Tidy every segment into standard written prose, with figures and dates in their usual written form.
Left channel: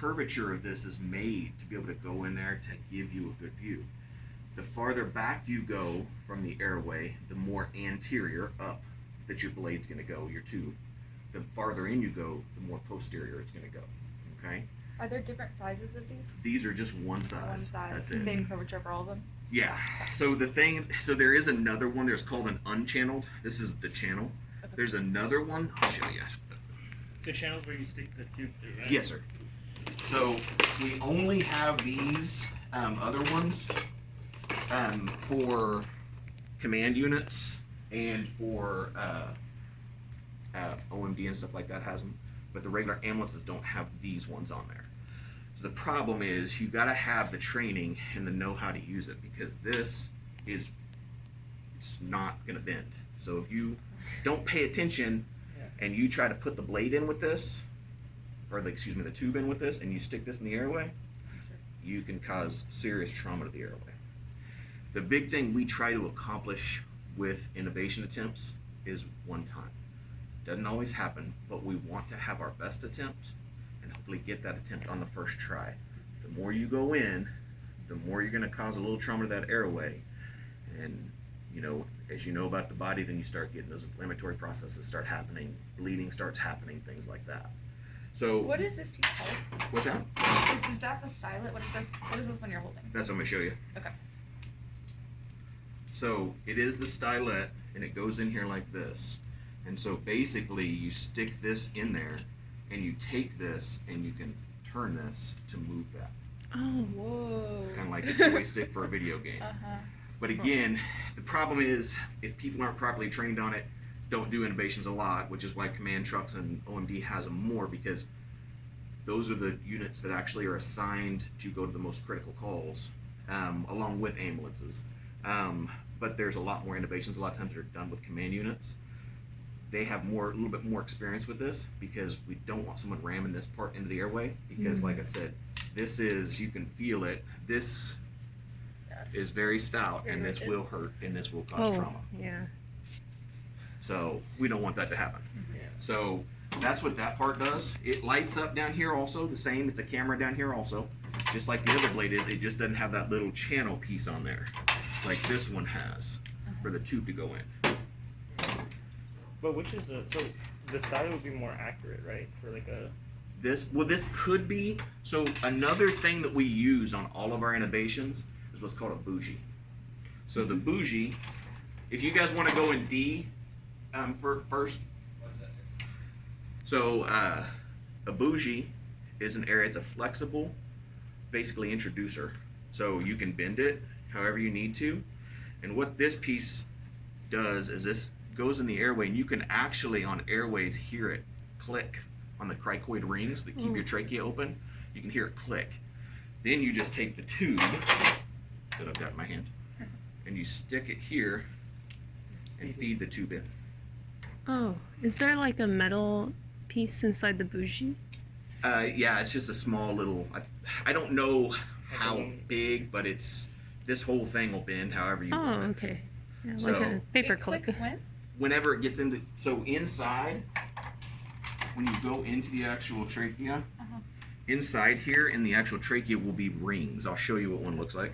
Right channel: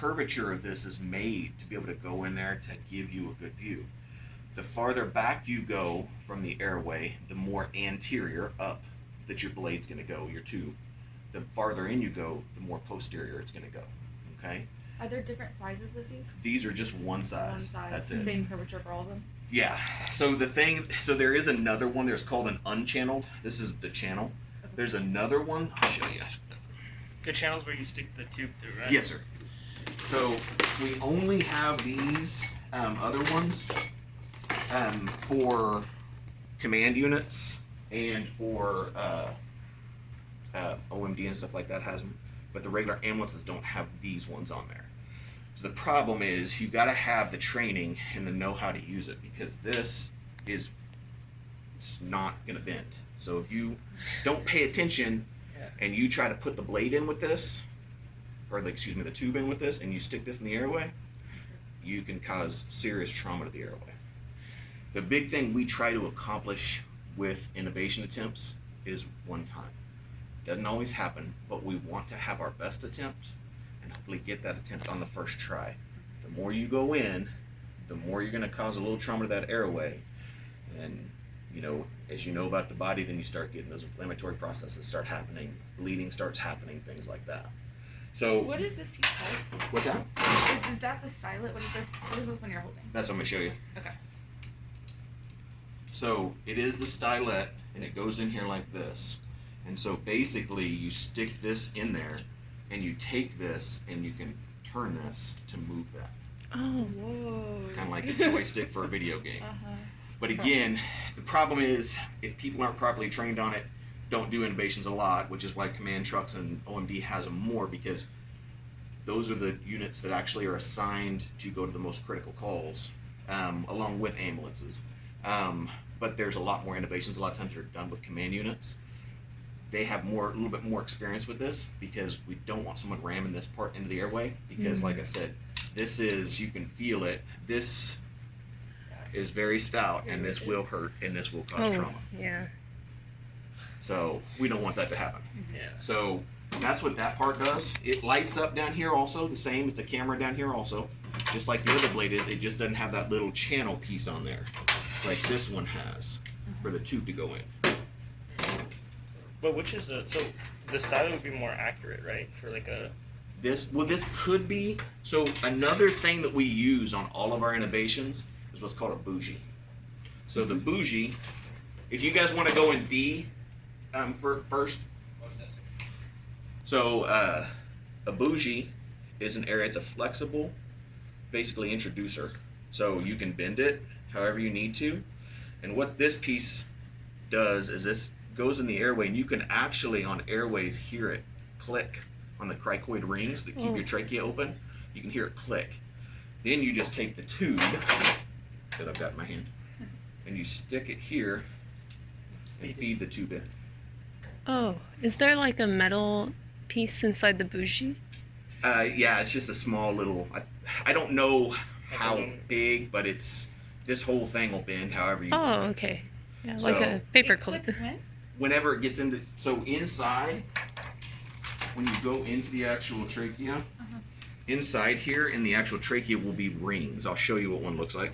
curvature of this is made to be able to go in there to give you a good view. The farther back you go from the airway, the more anterior up that your blade's going to go, your tube. The farther in you go, the more posterior it's going to go. Okay? Are there different sizes of these? These are just one size. One size. That's it. Same curvature for all of them? Yeah. So there is another one. There's called an unchanneled. This is the channel. Okay. There's another one. I'll show you. The channel's where you stick the tube through, right? Yes, sir. So we only have these other ones for command units and for OMD and stuff like that has them, but the regular ambulances don't have these ones on there. So the problem is you got to have the training and the know-how to use it, because it's not going to bend. So if you don't pay attention and you try to put the blade in with this, or the tube in with this, and you stick this in the airway, you can cause serious trauma to the airway. The big thing we try to accomplish with intubation attempts is one time. Doesn't always happen, but we want to have our best attempt and hopefully get that attempt on the first try. The more you go in, the more you're going to cause a little trauma to that airway. And as you know about the body, then you start getting those inflammatory processes start happening, bleeding starts happening, things like that. So what is this piece called? what's that? Is that the stylet? What is this? What is this one you're holding? That's what I'm going to show you. Okay. So it is the stylet, and it goes in here like this. And so basically you stick this in there, and you take this and you can turn this to move that. Oh, whoa. Kind of like a two-way stick for a video game. But again, the problem is if people aren't properly trained on it, don't do intubations a lot, which is why command trucks and OMD has them more, because those are the units that actually are assigned to go to the most critical calls, along with ambulances. But there's a lot more intubations. A lot of times they're done with command units. They have a little bit more experience with this, because we don't want someone ramming this part into the airway, because like I said, you can feel it. This is very stout, and this will hurt, and this will cause trauma. Yeah. So we don't want that to happen. Yeah. So that's what that part does. It lights up down here also, the same. It's a camera down here also, just like the other blade is. It just doesn't have that little channel piece on there, like this one has, for the tube to go in. But which is so the style would be more accurate, right? For like a this could be. So another thing that we use on all of our intubations is what's called a bougie. So the bougie, if you guys want to go in D first. So a bougie is an area, it's a flexible, basically introducer. So you can bend it however you need to. And what this piece does is this goes in the airway, and you can actually on airways hear it click on the cricoid rings that keep your trachea open. You can hear it click. Then you just take the tube that I've got in my hand and you stick it here and feed the tube in. Oh, is there like a metal piece inside the bougie? Yeah, it's just a small little, I don't know how big, but this whole thing will bend however you want. Oh, okay. Yeah, like a paper clip. Whenever it gets into, so inside, when you go into the actual trachea, inside here in the actual trachea will be rings. I'll show you what one looks like.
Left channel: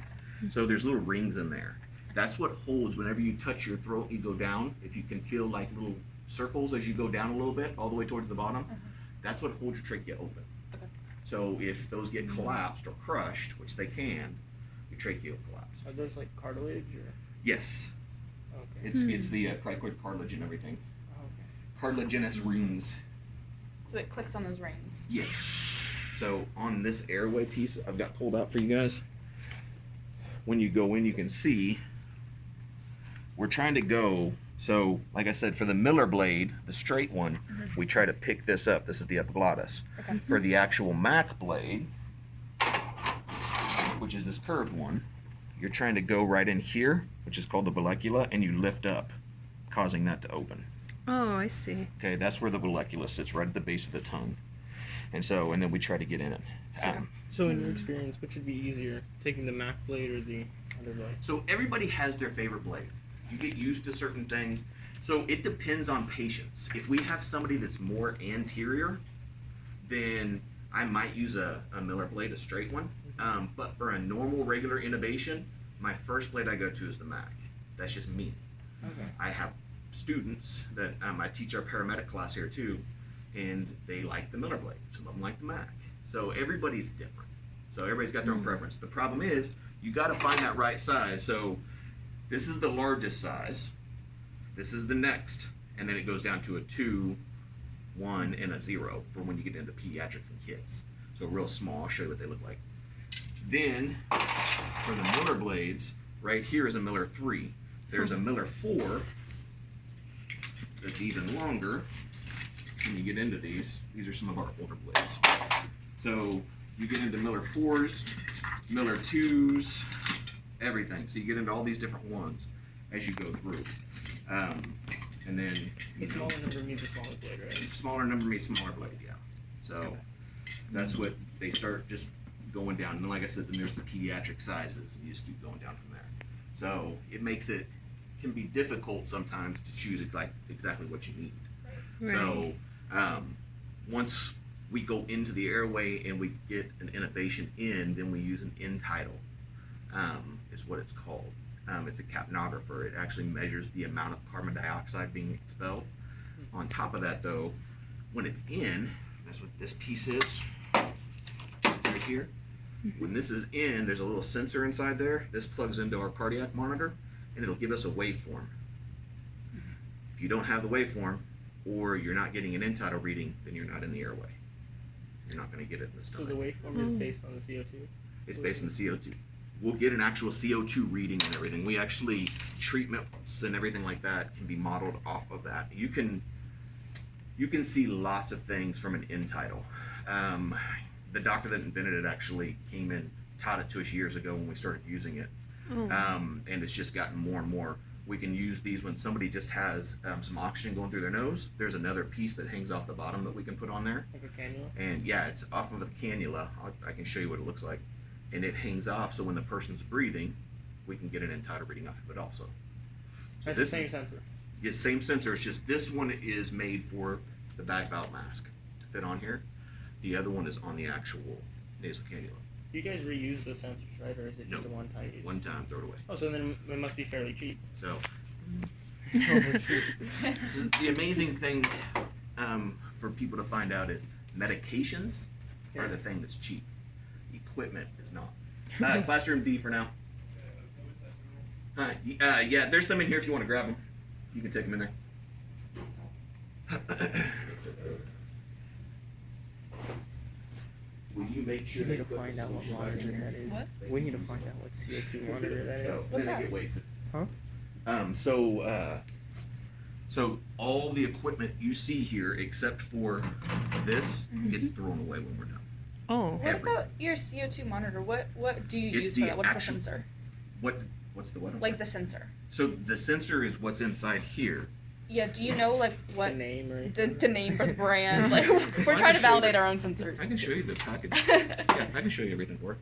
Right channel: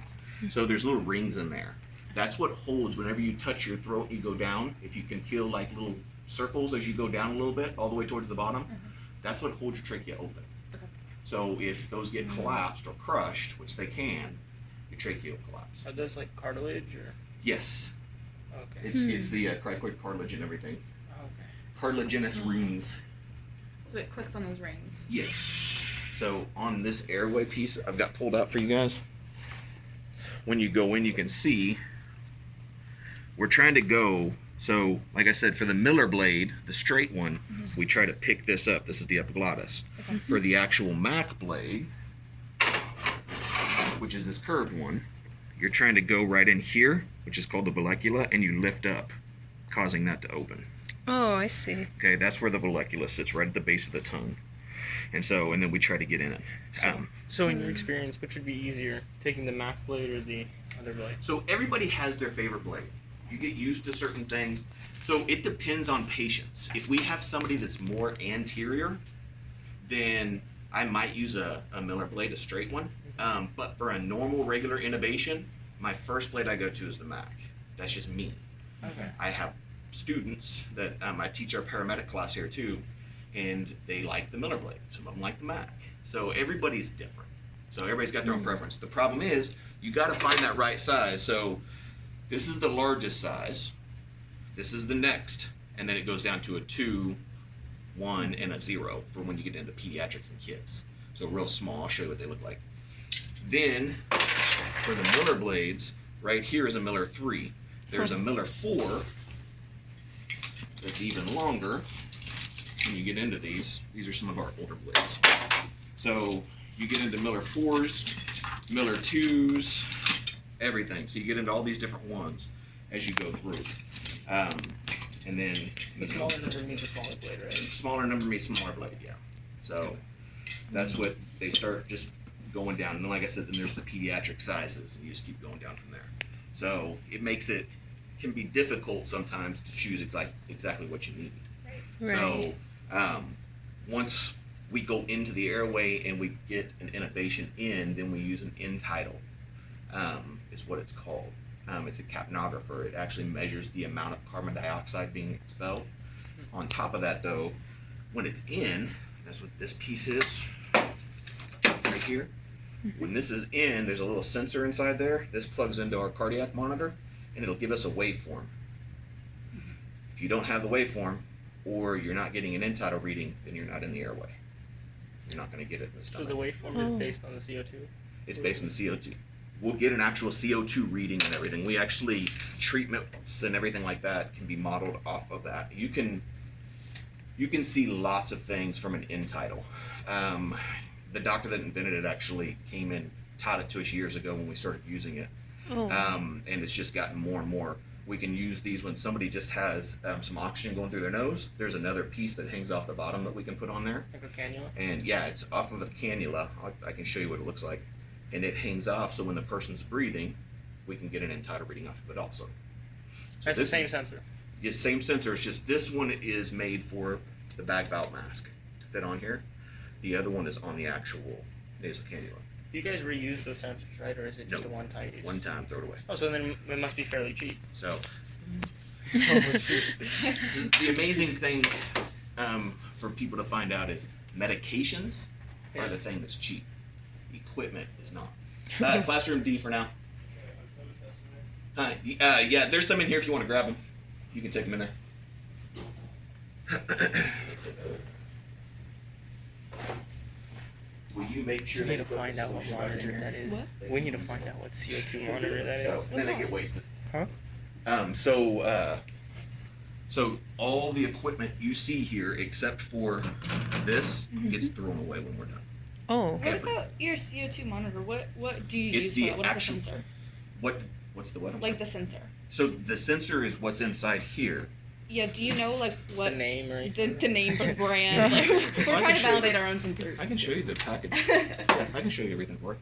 So there's little rings in there. That's what holds, whenever you touch your throat and you go down, if you can feel like little circles as you go down a little bit, all the way towards the bottom, that's what holds your trachea open. So if those get collapsed or crushed, which they can, your trachea will collapse. Are those like cartilage or? Yes. Okay. It's the cricoid cartilage and everything. Okay. Cartilaginous rings. So it clicks on those rings. Yes. So on this airway piece I've got pulled out for you guys, when you go in you can see we're trying to go, so like I said, for the Miller blade, the straight one, we try to pick this up. This is the epiglottis. For the actual Mac blade, which is this curved one, you're trying to go right in here, which is called the vallecula, and you lift up, causing that to open. Oh, I see. Okay, that's where the vallecula sits, right at the base of the tongue. And then we try to get in it. So in your experience, which would be easier, taking the Mac blade or the other blade? So everybody has their favorite blade. You get used to certain things. So it depends on patients. If we have somebody that's more anterior, then I might use a Miller blade, a straight one. But for a normal, regular intubation, my first blade I go to is the Mac. That's just me. Okay. I have students that I teach our paramedic class here too, and they like the Miller blade. Some of them like the Mac. So everybody's different. So everybody's got their own preference. The problem is you got to find that right size. So this is the largest size. This is the next, and then it goes down to a 2, 1, and a 0 for when you get into pediatrics and kids. So real small. I'll show you what they look like. Then for the Miller blades, right here is a Miller 3. There's a Miller 4 that's even longer. When you get into these are some of our older blades. So you get into Miller 4s, Miller 2s, everything. So you get into all these different ones as you go through. And then The smaller number means a smaller blade, right? smaller number means smaller blade, yeah. So that's what they start just going down. And then, like I said, then there's the pediatric sizes, and you just keep going down from there. So it makes it can be difficult sometimes to choose exactly what you need. Right. So once we go into the airway and we get an intubation in, then we use an in tidal, is what it's called. It's a capnographer. It actually measures the amount of carbon dioxide being expelled. On top of that, though, when it's in, that's what this piece is right here. When this is in, there's a little sensor inside there. This plugs into our cardiac monitor, and it'll give us a waveform. If you don't have the waveform, or you're not getting an end-tidal reading, then you're not in the airway. You're not going to get it in the So stomach. the waveform is based on the CO2? It's based on the CO2. We'll get an actual CO2 reading and everything. We actually, treatments and everything like that can be modeled off of that. You can see lots of things from an end-tidal. The doctor that invented it actually came and taught it to us years ago when we started using it. Oh. And it's just gotten more and more. We can use these when somebody just has some oxygen going through their nose. There's another piece that hangs off the bottom that we can put on there. Like a cannula? And yeah, it's off of a cannula. I can show you what it looks like. And it hangs off, so when the person's breathing, we can get an end-tidal reading off of it also. So That's the same sensor? Yeah, same sensor. It's just this one is made for the bag valve mask to fit on here. The other one is on the actual nasal cannula. You guys reuse those sensors, right? Or is it just Nope. a one-time use? One time, throw it away. Oh, so then it must be fairly cheap. So the amazing thing for people to find out is medications are the thing that's cheap. Equipment is not. Classroom D for now. Yeah, there's some in here if you want to grab them. You can take them in there. Will you make sure We need to they put find the out what solution monitor right that is. What? We need to find out what CO2 monitor that here? is. So then they get wasted. Huh? So all the equipment you see here, except for this, gets thrown away when we're done. Oh. What Everything. about your CO2 monitor? What do you It's use for the that? What is the actual- sensor? What's the what? I'm Like sorry. the sensor. So the sensor is what's inside here. Yeah, do you know like The what name or anything? the name or the brand? Like, we're I trying can to show you validate the- our own sensors. I can show you the package. Yeah, I can show you everything for it.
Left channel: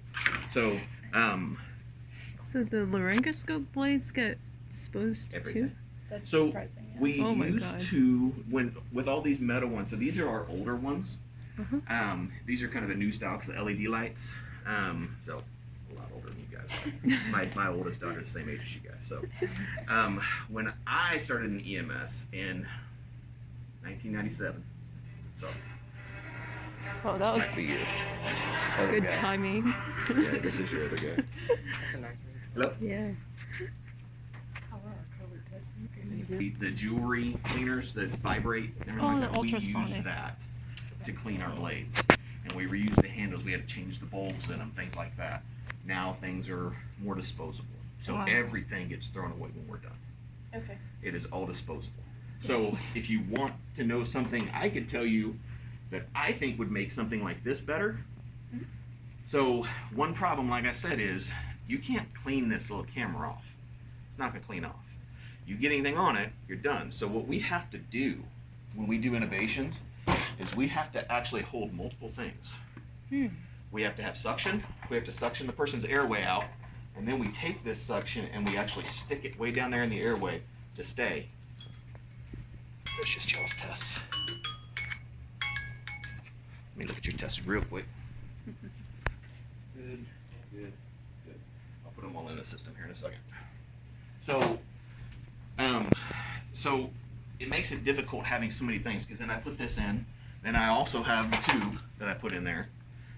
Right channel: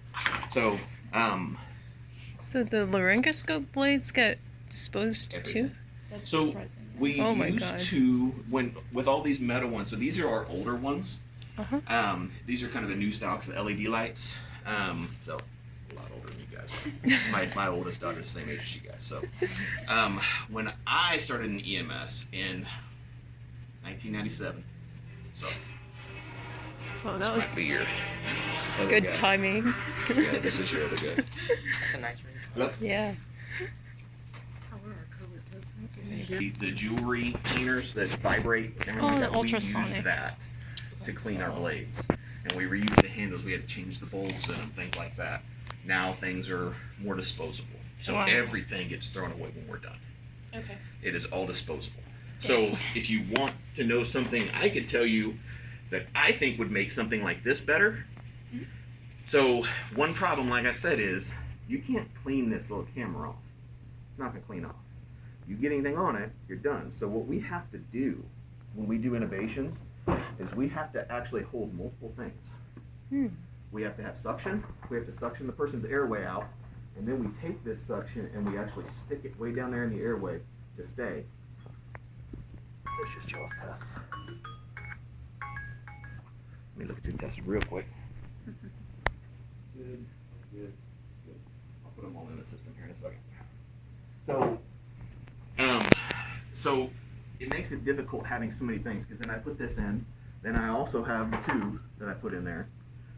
So So the laryngoscope blades get disposed too? Everything. That's So surprising. Yeah. we Oh my used God. to with all these metal ones. So these are our older ones. Uh-huh. These are kind of a new stock, the LED lights. So a lot older than you guys are. my oldest daughter is the same age as you guys. So when I started in EMS in 1997, so Oh, that this was might be your other good guy. timing. Yeah, this is your other guy. That's a nice ring. Hello. Yeah. The jewelry cleaners that vibrate and everything Oh, like the that, we use ultrasonic. that to clean our blades. And we reuse the handles. We had to change the bulbs in them, things like that. Now things are more disposable. So Wow. everything gets thrown away when we're done. Okay. It is all disposable. So if you want to know something, I could tell you that I think would make something like this better. Mhm. So one problem, like I said, is you can't clean this little camera off. It's not going to clean off. You get anything on it, you're done. So what we have to do when we do innovations is we have to actually hold multiple things. Hmm. We have to have suction. We have to suction the person's airway out, and then we take this suction and we actually stick it way down there in the airway to stay. Let's just y'all's test. me look at your tests real quick. Good, good, good. I'll put them all in the system here in a second. So it makes it difficult having so many things, because then I put this in, then I also have the tube that I put in there,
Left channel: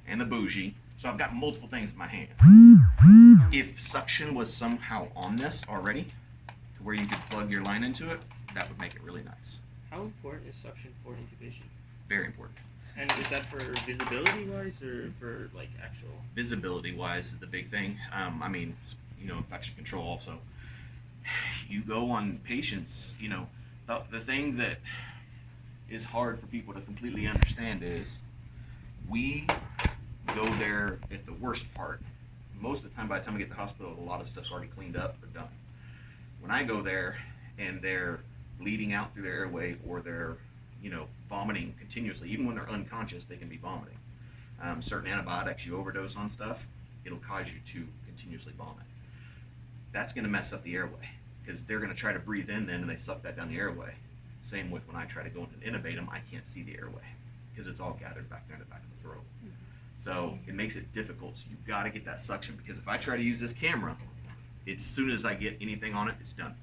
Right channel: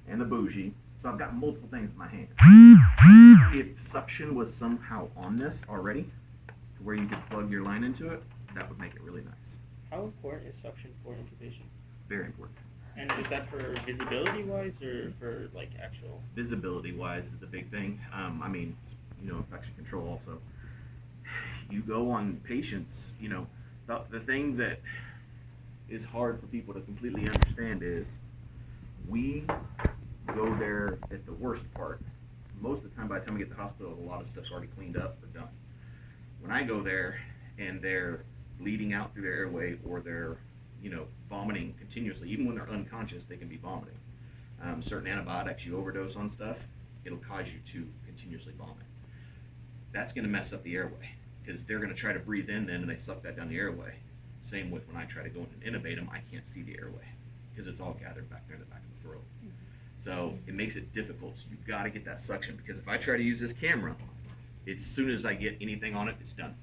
and the bougie. So I've got multiple things in my hand. If suction was somehow on this already, to where you could plug your line into it, that would make it really nice. How important is suction for intubation? Very important. And is that for visibility wise or for like actual? Visibility wise is the big thing. I mean, infection control also. You go on patients, the thing that is hard for people to completely understand is we go there at the worst part. Most of the time, by the time we get to the hospital, a lot of stuff's already cleaned up or done. When I go there and they're bleeding out through their airway, or they're vomiting continuously, even when they're unconscious, they can be vomiting. Certain antibiotics, you overdose on stuff, it'll cause you to continuously vomit. That's going to mess up the airway, because they're going to try to breathe in then, and they suck that down the airway. Same with when I try to go in and intubate them, I can't see the airway because it's all gathered back there in the back of the throat. So it makes it difficult. So you've got to get that suction, because if I try to use this camera, as soon as I get anything on it, it's done.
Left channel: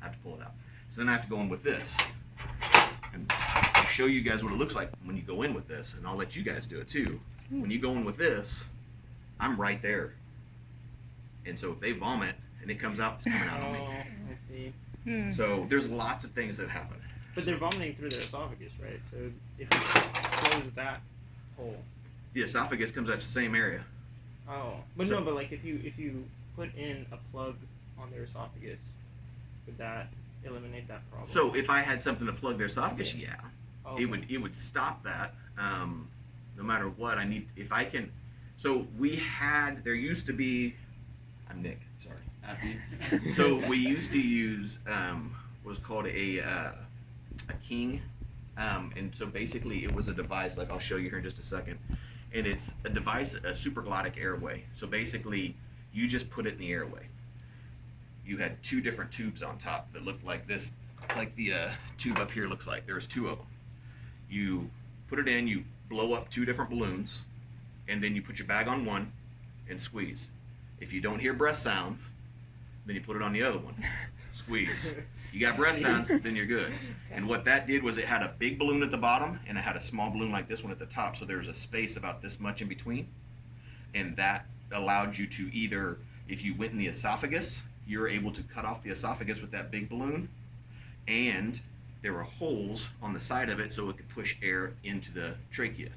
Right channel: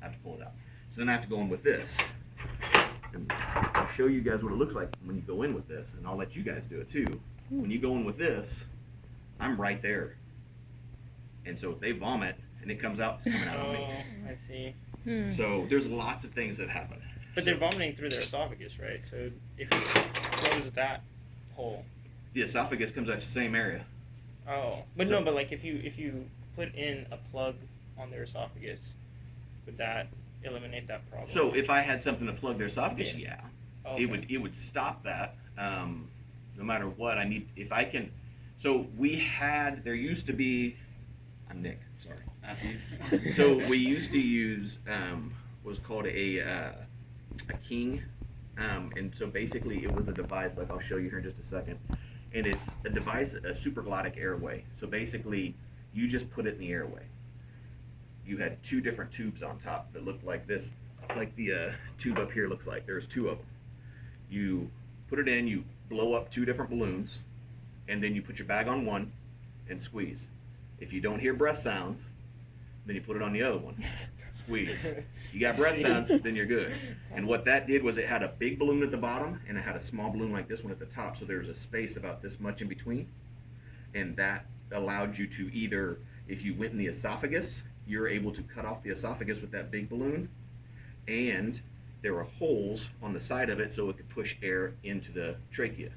I have to pull it out. So then I have to go in with this. And I'll show you guys what it looks like when you go in with this, and I'll let you guys do it too. When you go in with this, I'm right there. And so if they vomit and it comes out, it's coming out on me. Oh, I see. So there's lots of things that happen. But they're vomiting through their esophagus, right? So if you close that hole. The esophagus comes out the same area. Oh, but So- no, but like if you put in a plug on their esophagus, would that eliminate that problem? So if I had something to plug their esophagus, Yeah. yeah. Oh, It would stop that. No matter what, if I can. So there used to be. I'm Nick. Sorry. After you. So we used to use what was called a king, and so basically it was a device, like I'll show you here in just a second, and it's a device, a supraglottic airway. So basically you just put it in the airway. You had two different tubes on top that looked like this, like the tube up here looks like. There's two of them. You put it in, you blow up two different balloons, and then you put your bag on one and squeeze. If you don't hear breath sounds, then you put it on the other one. Squeeze. You got breath sounds, then you're good. And what that did was it had a big balloon at the bottom, and it had a small balloon like this one at the top, so there was a space about this much in between. And that allowed you to either, if you went in the esophagus, you're able to cut off the esophagus with that big balloon, and there were holes on the side of it so it could push air into the trachea.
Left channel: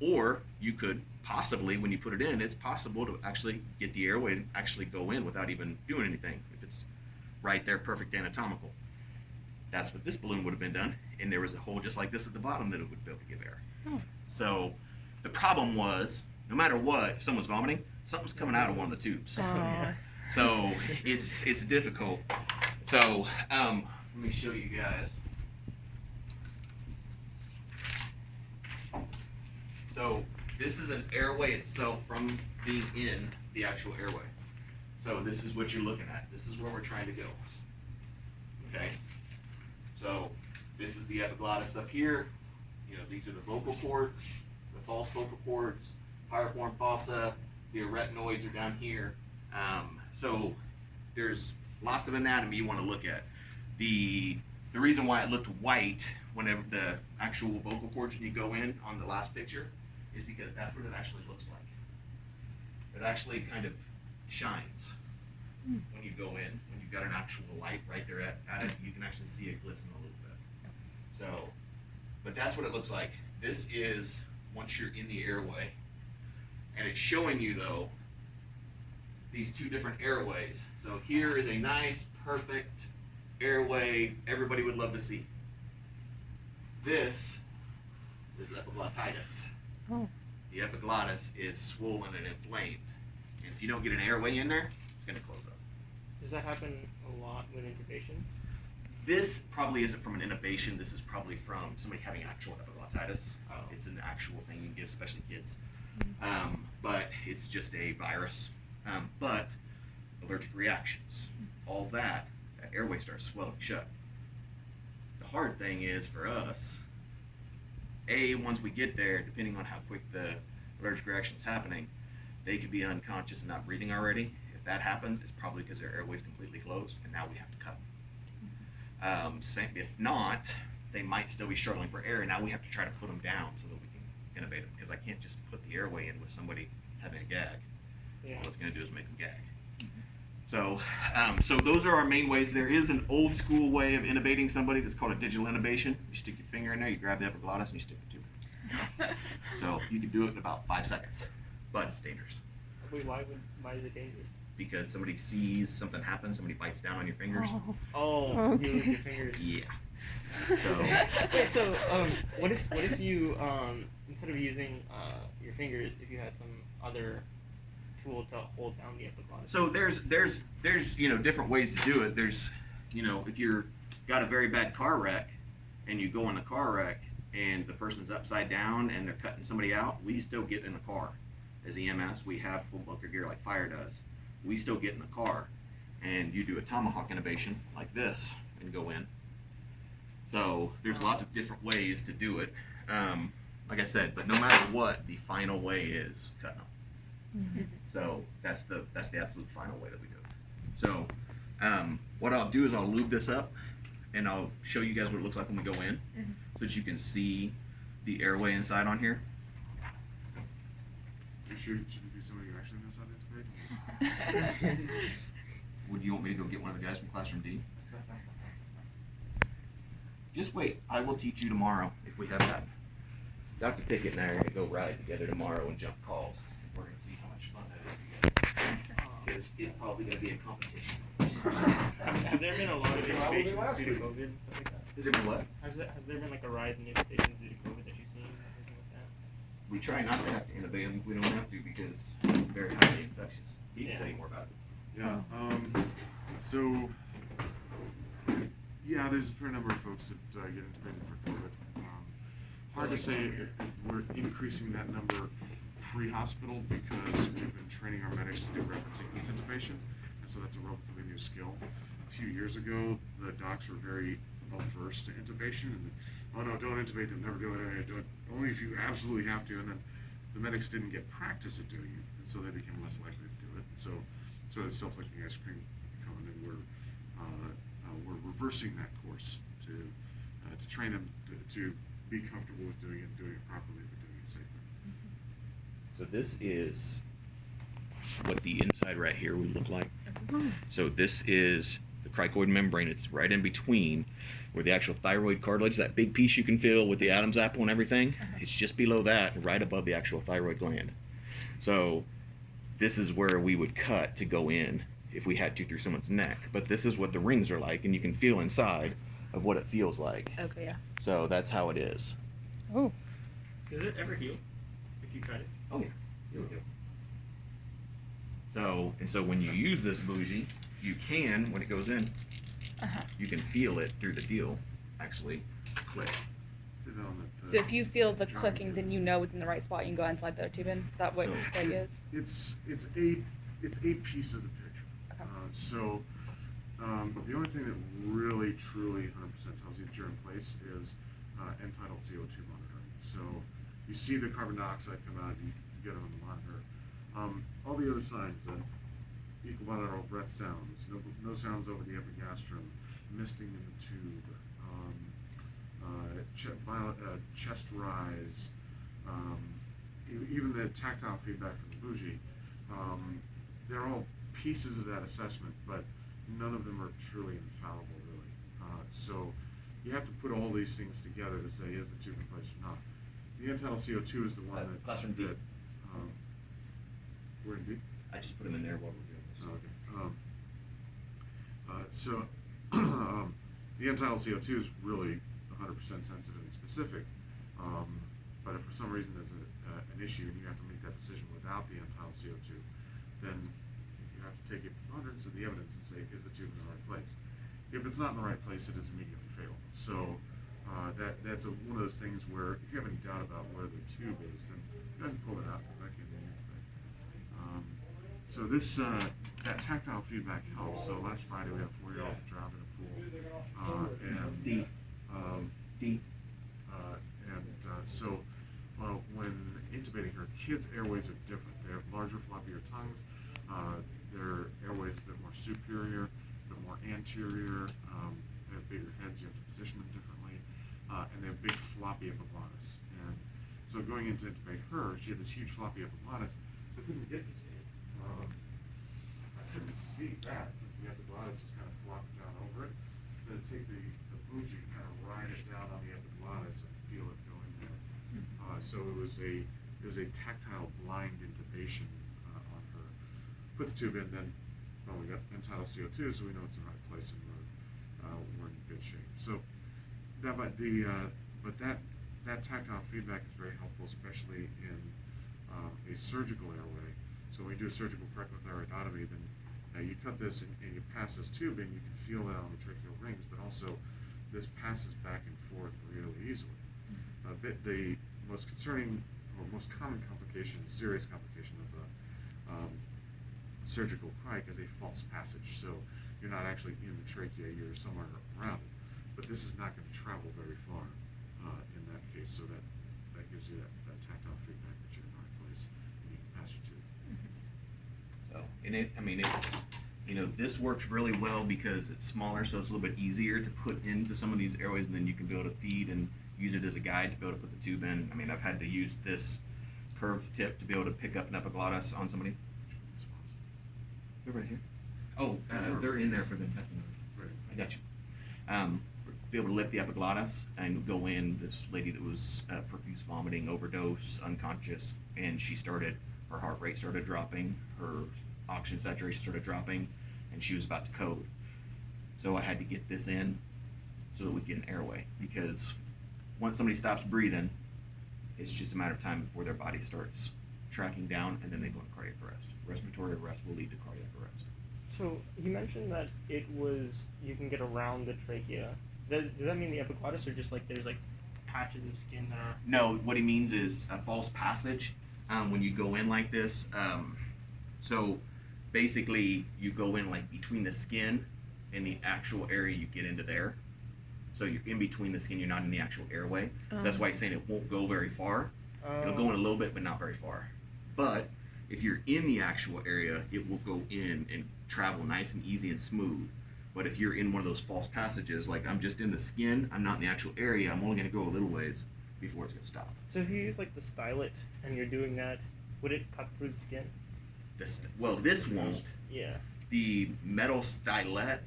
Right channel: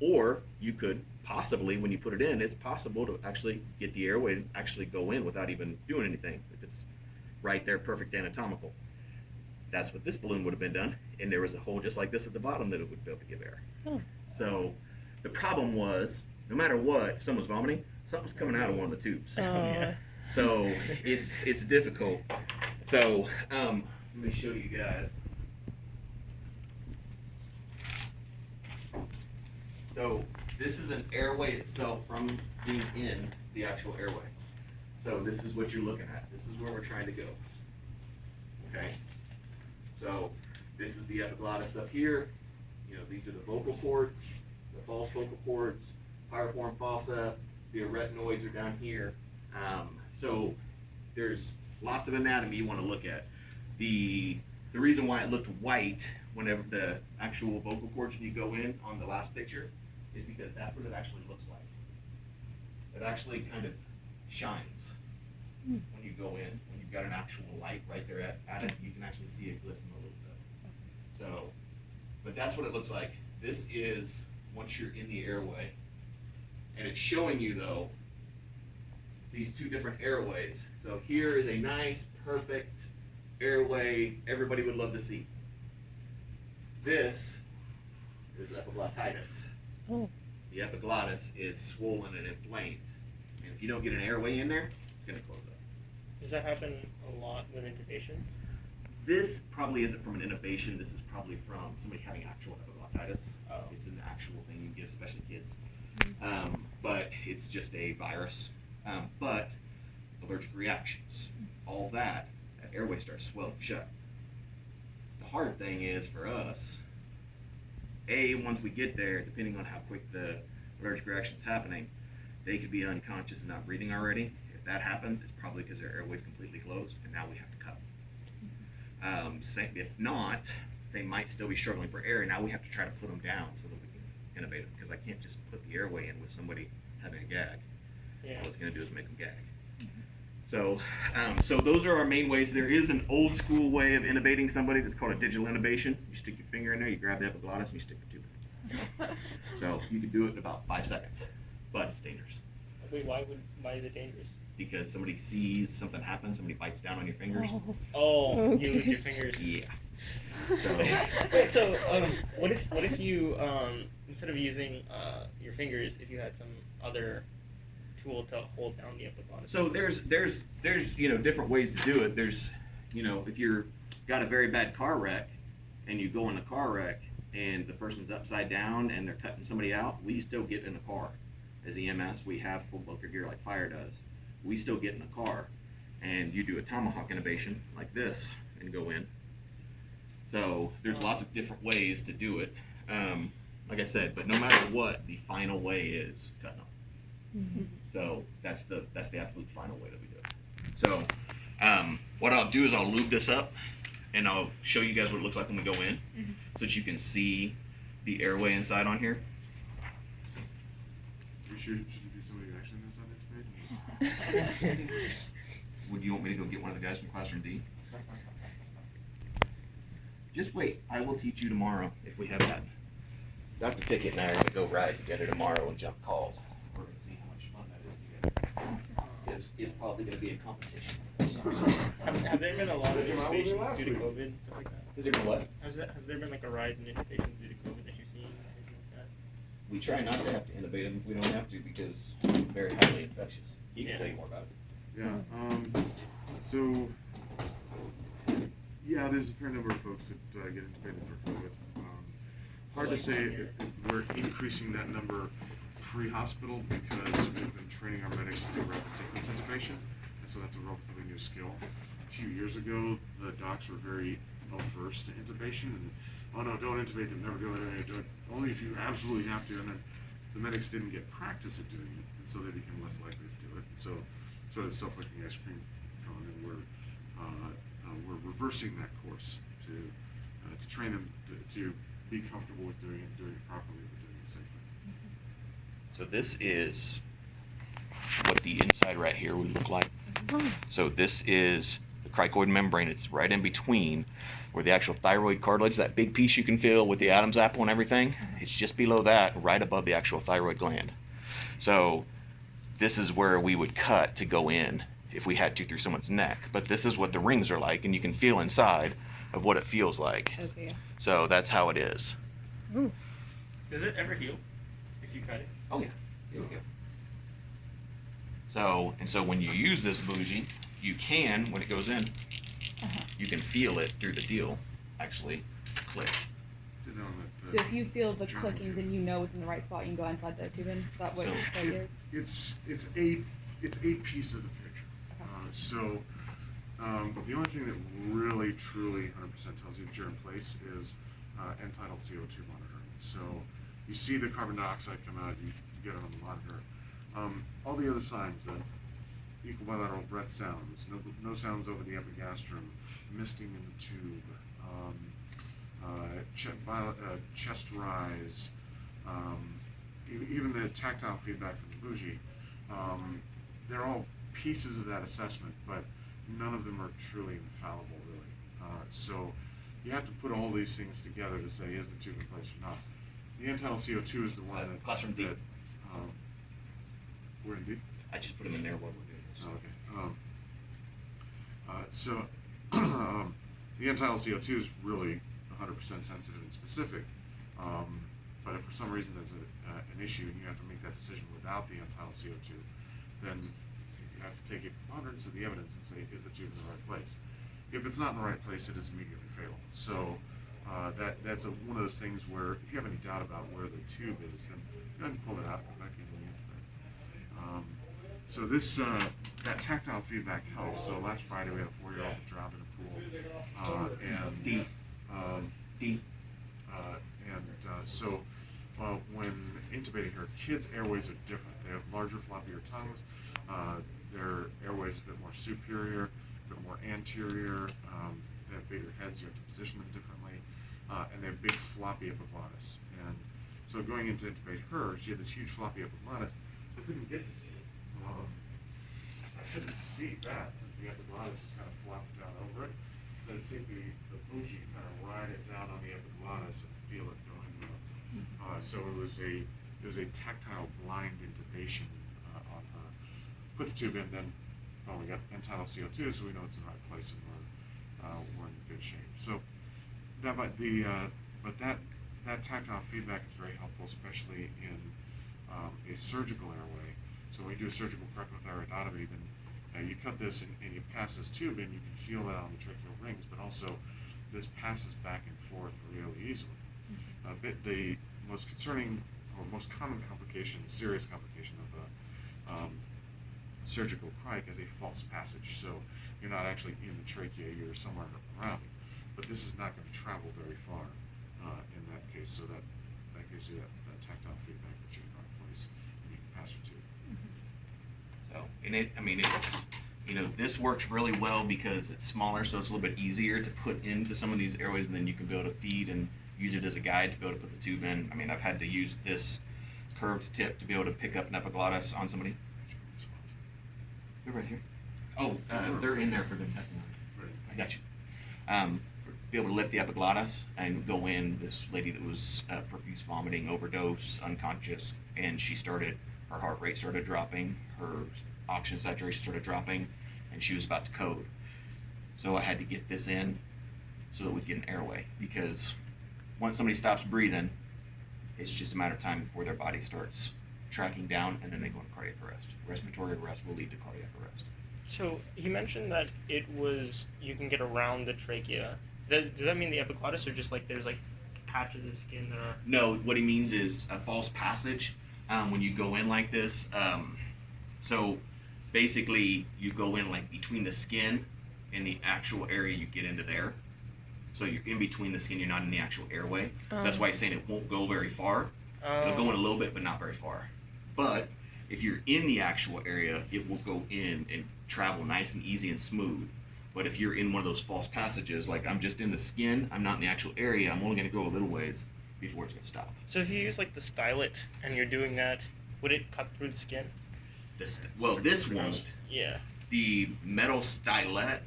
Or you could possibly, when you put it in, it's possible to actually get the airway to actually go in without even doing anything, if it's right there, perfect anatomical. That's what this balloon would have been done, and there was a hole just like this at the bottom that it would be able to give air. So the problem was, no matter what, if someone's vomiting, something's coming out of one of the tubes. Yeah. So it's difficult. So let me show you guys. So this is an airway itself from being in the actual airway. So this is what you're looking at. This is where we're trying to go. Okay. So this is the epiglottis up here. These are the vocal cords, the false vocal cords, piriform fossa. The arytenoids are down here. So there's lots of anatomy you want to look at. The reason why it looked white whenever the actual vocal cords, when you go in on the last picture, is because that's what it actually looks like. It actually kind of shines when you go in. When you've got an actual light right there at it, you can actually see it glisten a little bit. So, but that's what it looks like. This is once you're in the airway, and it's showing you though these two different airways. So here is a nice, perfect airway everybody would love to see. This is epiglottitis. Oh. The epiglottis is swollen and inflamed. And if you don't get an airway in there, it's going to close up. Does that happen a lot with intubation? This probably isn't from an intubation. This is probably from somebody having actual epiglottitis. Oh. It's an actual thing you get, especially kids. But it's just a virus. But allergic reactions, all that airway starts swelling shut. The hard thing is for us, once we get there, depending on how quick the allergic reaction is happening, they could be unconscious and not breathing already. If that happens, it's probably because their airway's completely closed, and now we have to cut them. If not, they might still be struggling for air, and now we have to try to put them down so that we can intubate them, because I can't just put the airway in with somebody having a gag. Yeah. All it's going to do is make them gag. So, so those are our main ways. There is an old school way of intubating somebody that's called a digital intubation. You stick your finger in there, you grab the epiglottis, and you stick the tube in. So you can do it in about 5 seconds, but it's dangerous. Wait, why is it dangerous? Because somebody sees something happen, somebody bites down on your fingers. Oh, Okay. you lose your fingers. Yeah. So, Wait, so what if you instead of using your fingers, if you had some other tool to hold down the epiglottis? so there's different ways to do it. There's if you're got a very bad car wreck and you go in a car wreck and the person's upside down and they're cutting somebody out, we still get in the car. As EMS, we have full bunker gear like fire does. We still get in the car and you do a tomahawk intubation like this and go in. So there's lots of different ways to do it. Like I said, but no matter what, the final way is cutting them. Mm-hmm. So that's the absolute final way that we do it. So what I'll do is I'll lube this up and I'll show you guys what it looks like when we go in, so that you can see the airway inside on here. Should it be somebody who actually knows how to intubate? Would you want me to go get one of the guys from Classroom D? Just wait. I will teach you tomorrow if we have that. Dr. Pickett and I are going to go ride together tomorrow and jump calls. We're going to see how much fun that is. It's probably going to be a competition. Have there been a lot of intubations due to COVID and stuff like that? Has there been what? Has there been like a rise in intubations due to COVID that you've seen? Or anything like that? We try not to have to intubate them if we don't have to, because they're very highly infectious. He can Yeah. tell you more about it. Yeah. So, yeah, there's a fair number of folks that get intubated for COVID. Hard to say if we're increasing that number pre-hospital, because we've been training our medics to do rapid sequence intubation, and so that's a relatively new skill. A few years ago, the docs were very averse to intubation, and oh no, don't intubate them, never do it, do it only if you absolutely have to. And then the medics didn't get practice at doing it, and so they became less likely to do it. And so, sort of self-licking ice cream cone, and we're reversing that course to train them to be comfortable with doing it properly, but doing it safely. So this is what the inside right here would look like. So this is the cricoid membrane. It's right in between where the actual thyroid cartilage, that big piece you can feel with the Adam's apple and everything, it's just below that, right above the actual thyroid gland. So this is where we would cut to go in if we had to through someone's neck. But this is what the rings are like, and you can feel inside of what it feels like. Okay, yeah. So that's how it is. Oh. Does it ever heal if you cut it? Oh yeah, here we go. So when you use this bougie, you can, when it goes in, you can feel it through the deal, actually click. Did that on the So if you feel the drum clicking, here. then you know it's in the right spot. You can go inside the tube in. Is that what So- the idea is? It's a piece of the picture. Okay. The only thing that really, truly 100% tells you that you're in place is end-tidal CO2 monitoring. So you see the carbon dioxide come out, you get it on the monitor. All the other signs, equal bilateral breath sounds, no sounds over the epigastrum, misting in the tube, chest rise, even the tactile feedback from the bougie. They're all pieces of that assessment, but none of them are truly infallible, really. So you have to put all these things together to say, is the tube in place or not? The end-tidal CO2 is the one that... Classroom D. We're in D? I just put them in there while we're doing this. Oh, okay. The end-tidal CO2 is really 100% sensitive and specific. But if for some reason there's an issue and you have to make that decision without the end-tidal CO2, then you have to take a preponderance of the evidence and say, is the tube in the right place? If it's not in the right place, it is immediately fatal. So that's one of those things where if you have any doubt about where the tube is, then go ahead and pull it out and put it back in when you intubate. So this that tactile feedback helps. So last Friday we had a 4-year-old that drowned in a pool, and D. and when intubating her, kids' airways are different. They have larger, floppier tongues. Their airways a bit more superior, a bit more anterior. They have bigger heads. You have to position them differently, and they have big, floppy epiglottis. And so going in to intubate her, she had this huge floppy epiglottis. I couldn't get to see it. I couldn't see that because the epiglottis was kind of flopped down over it. So to take the bougie and kind of ride it down on the epiglottis and feel it go into her. So it was a tactile blind intubation on her. Put the tube in, then we got end-tidal CO2, so we know it's in the right place and we're in good shape. So that tactile feedback is very helpful, especially in a surgical airway. So when you do a surgical correctal thyroidotomy, then you cut this and you pass this tube in, you can feel that on the tracheal rings, but also this passes back and forth really easily. The most concerning or most common complication, serious complication of surgical crike is a false passage. So you're not actually in the trachea, you're somewhere around it. But this is not going to travel very far in that case, so that gives you that tactile feedback that you're in the right place and you can pass your tube. So, and this works really well because it's smaller, so it's a little bit easier to put into some of these airways, and then you can be able to feed and use it as a guide to be able to put the tube in. I mean, I've had to use this curved tip to be able to pick up an epiglottis on somebody. They're right here. Oh, they're in there for the testing. Right. I got you. Be able to lift the epiglottis and go in. This lady that was profuse vomiting, overdose, unconscious, and her heart rate started dropping, her oxygen saturation started dropping, and she was about to code. So I had to get this in so that we could get an airway, because once somebody stops breathing, it's just a matter of time before their body starts tracking down, and then they go into cardiac arrest. Respiratory arrest will lead to cardiac arrest. So he mentioned that you can get around the trachea. Does that mean the epiglottis, or just like there's like patches of skin that are? No, what he means is a false passage. When you go in like this, so basically you go in like between the skin and the actual area you get into there. So you're in between the skin, you're not in the actual airway. So that's why he's saying it won't go very far. It'll go in a little bit, but not very far. But if you're in the actual area, it will go in and travel nice and easy and smooth. But if you're in one of those false passages, like I'm just in the skin, I'm not in the actual area, I'm only going to go a little ways before it's going to stop. So if you use like the stylet and you're doing that, would it cut through the skin? This won't. Yeah. The metal stylet,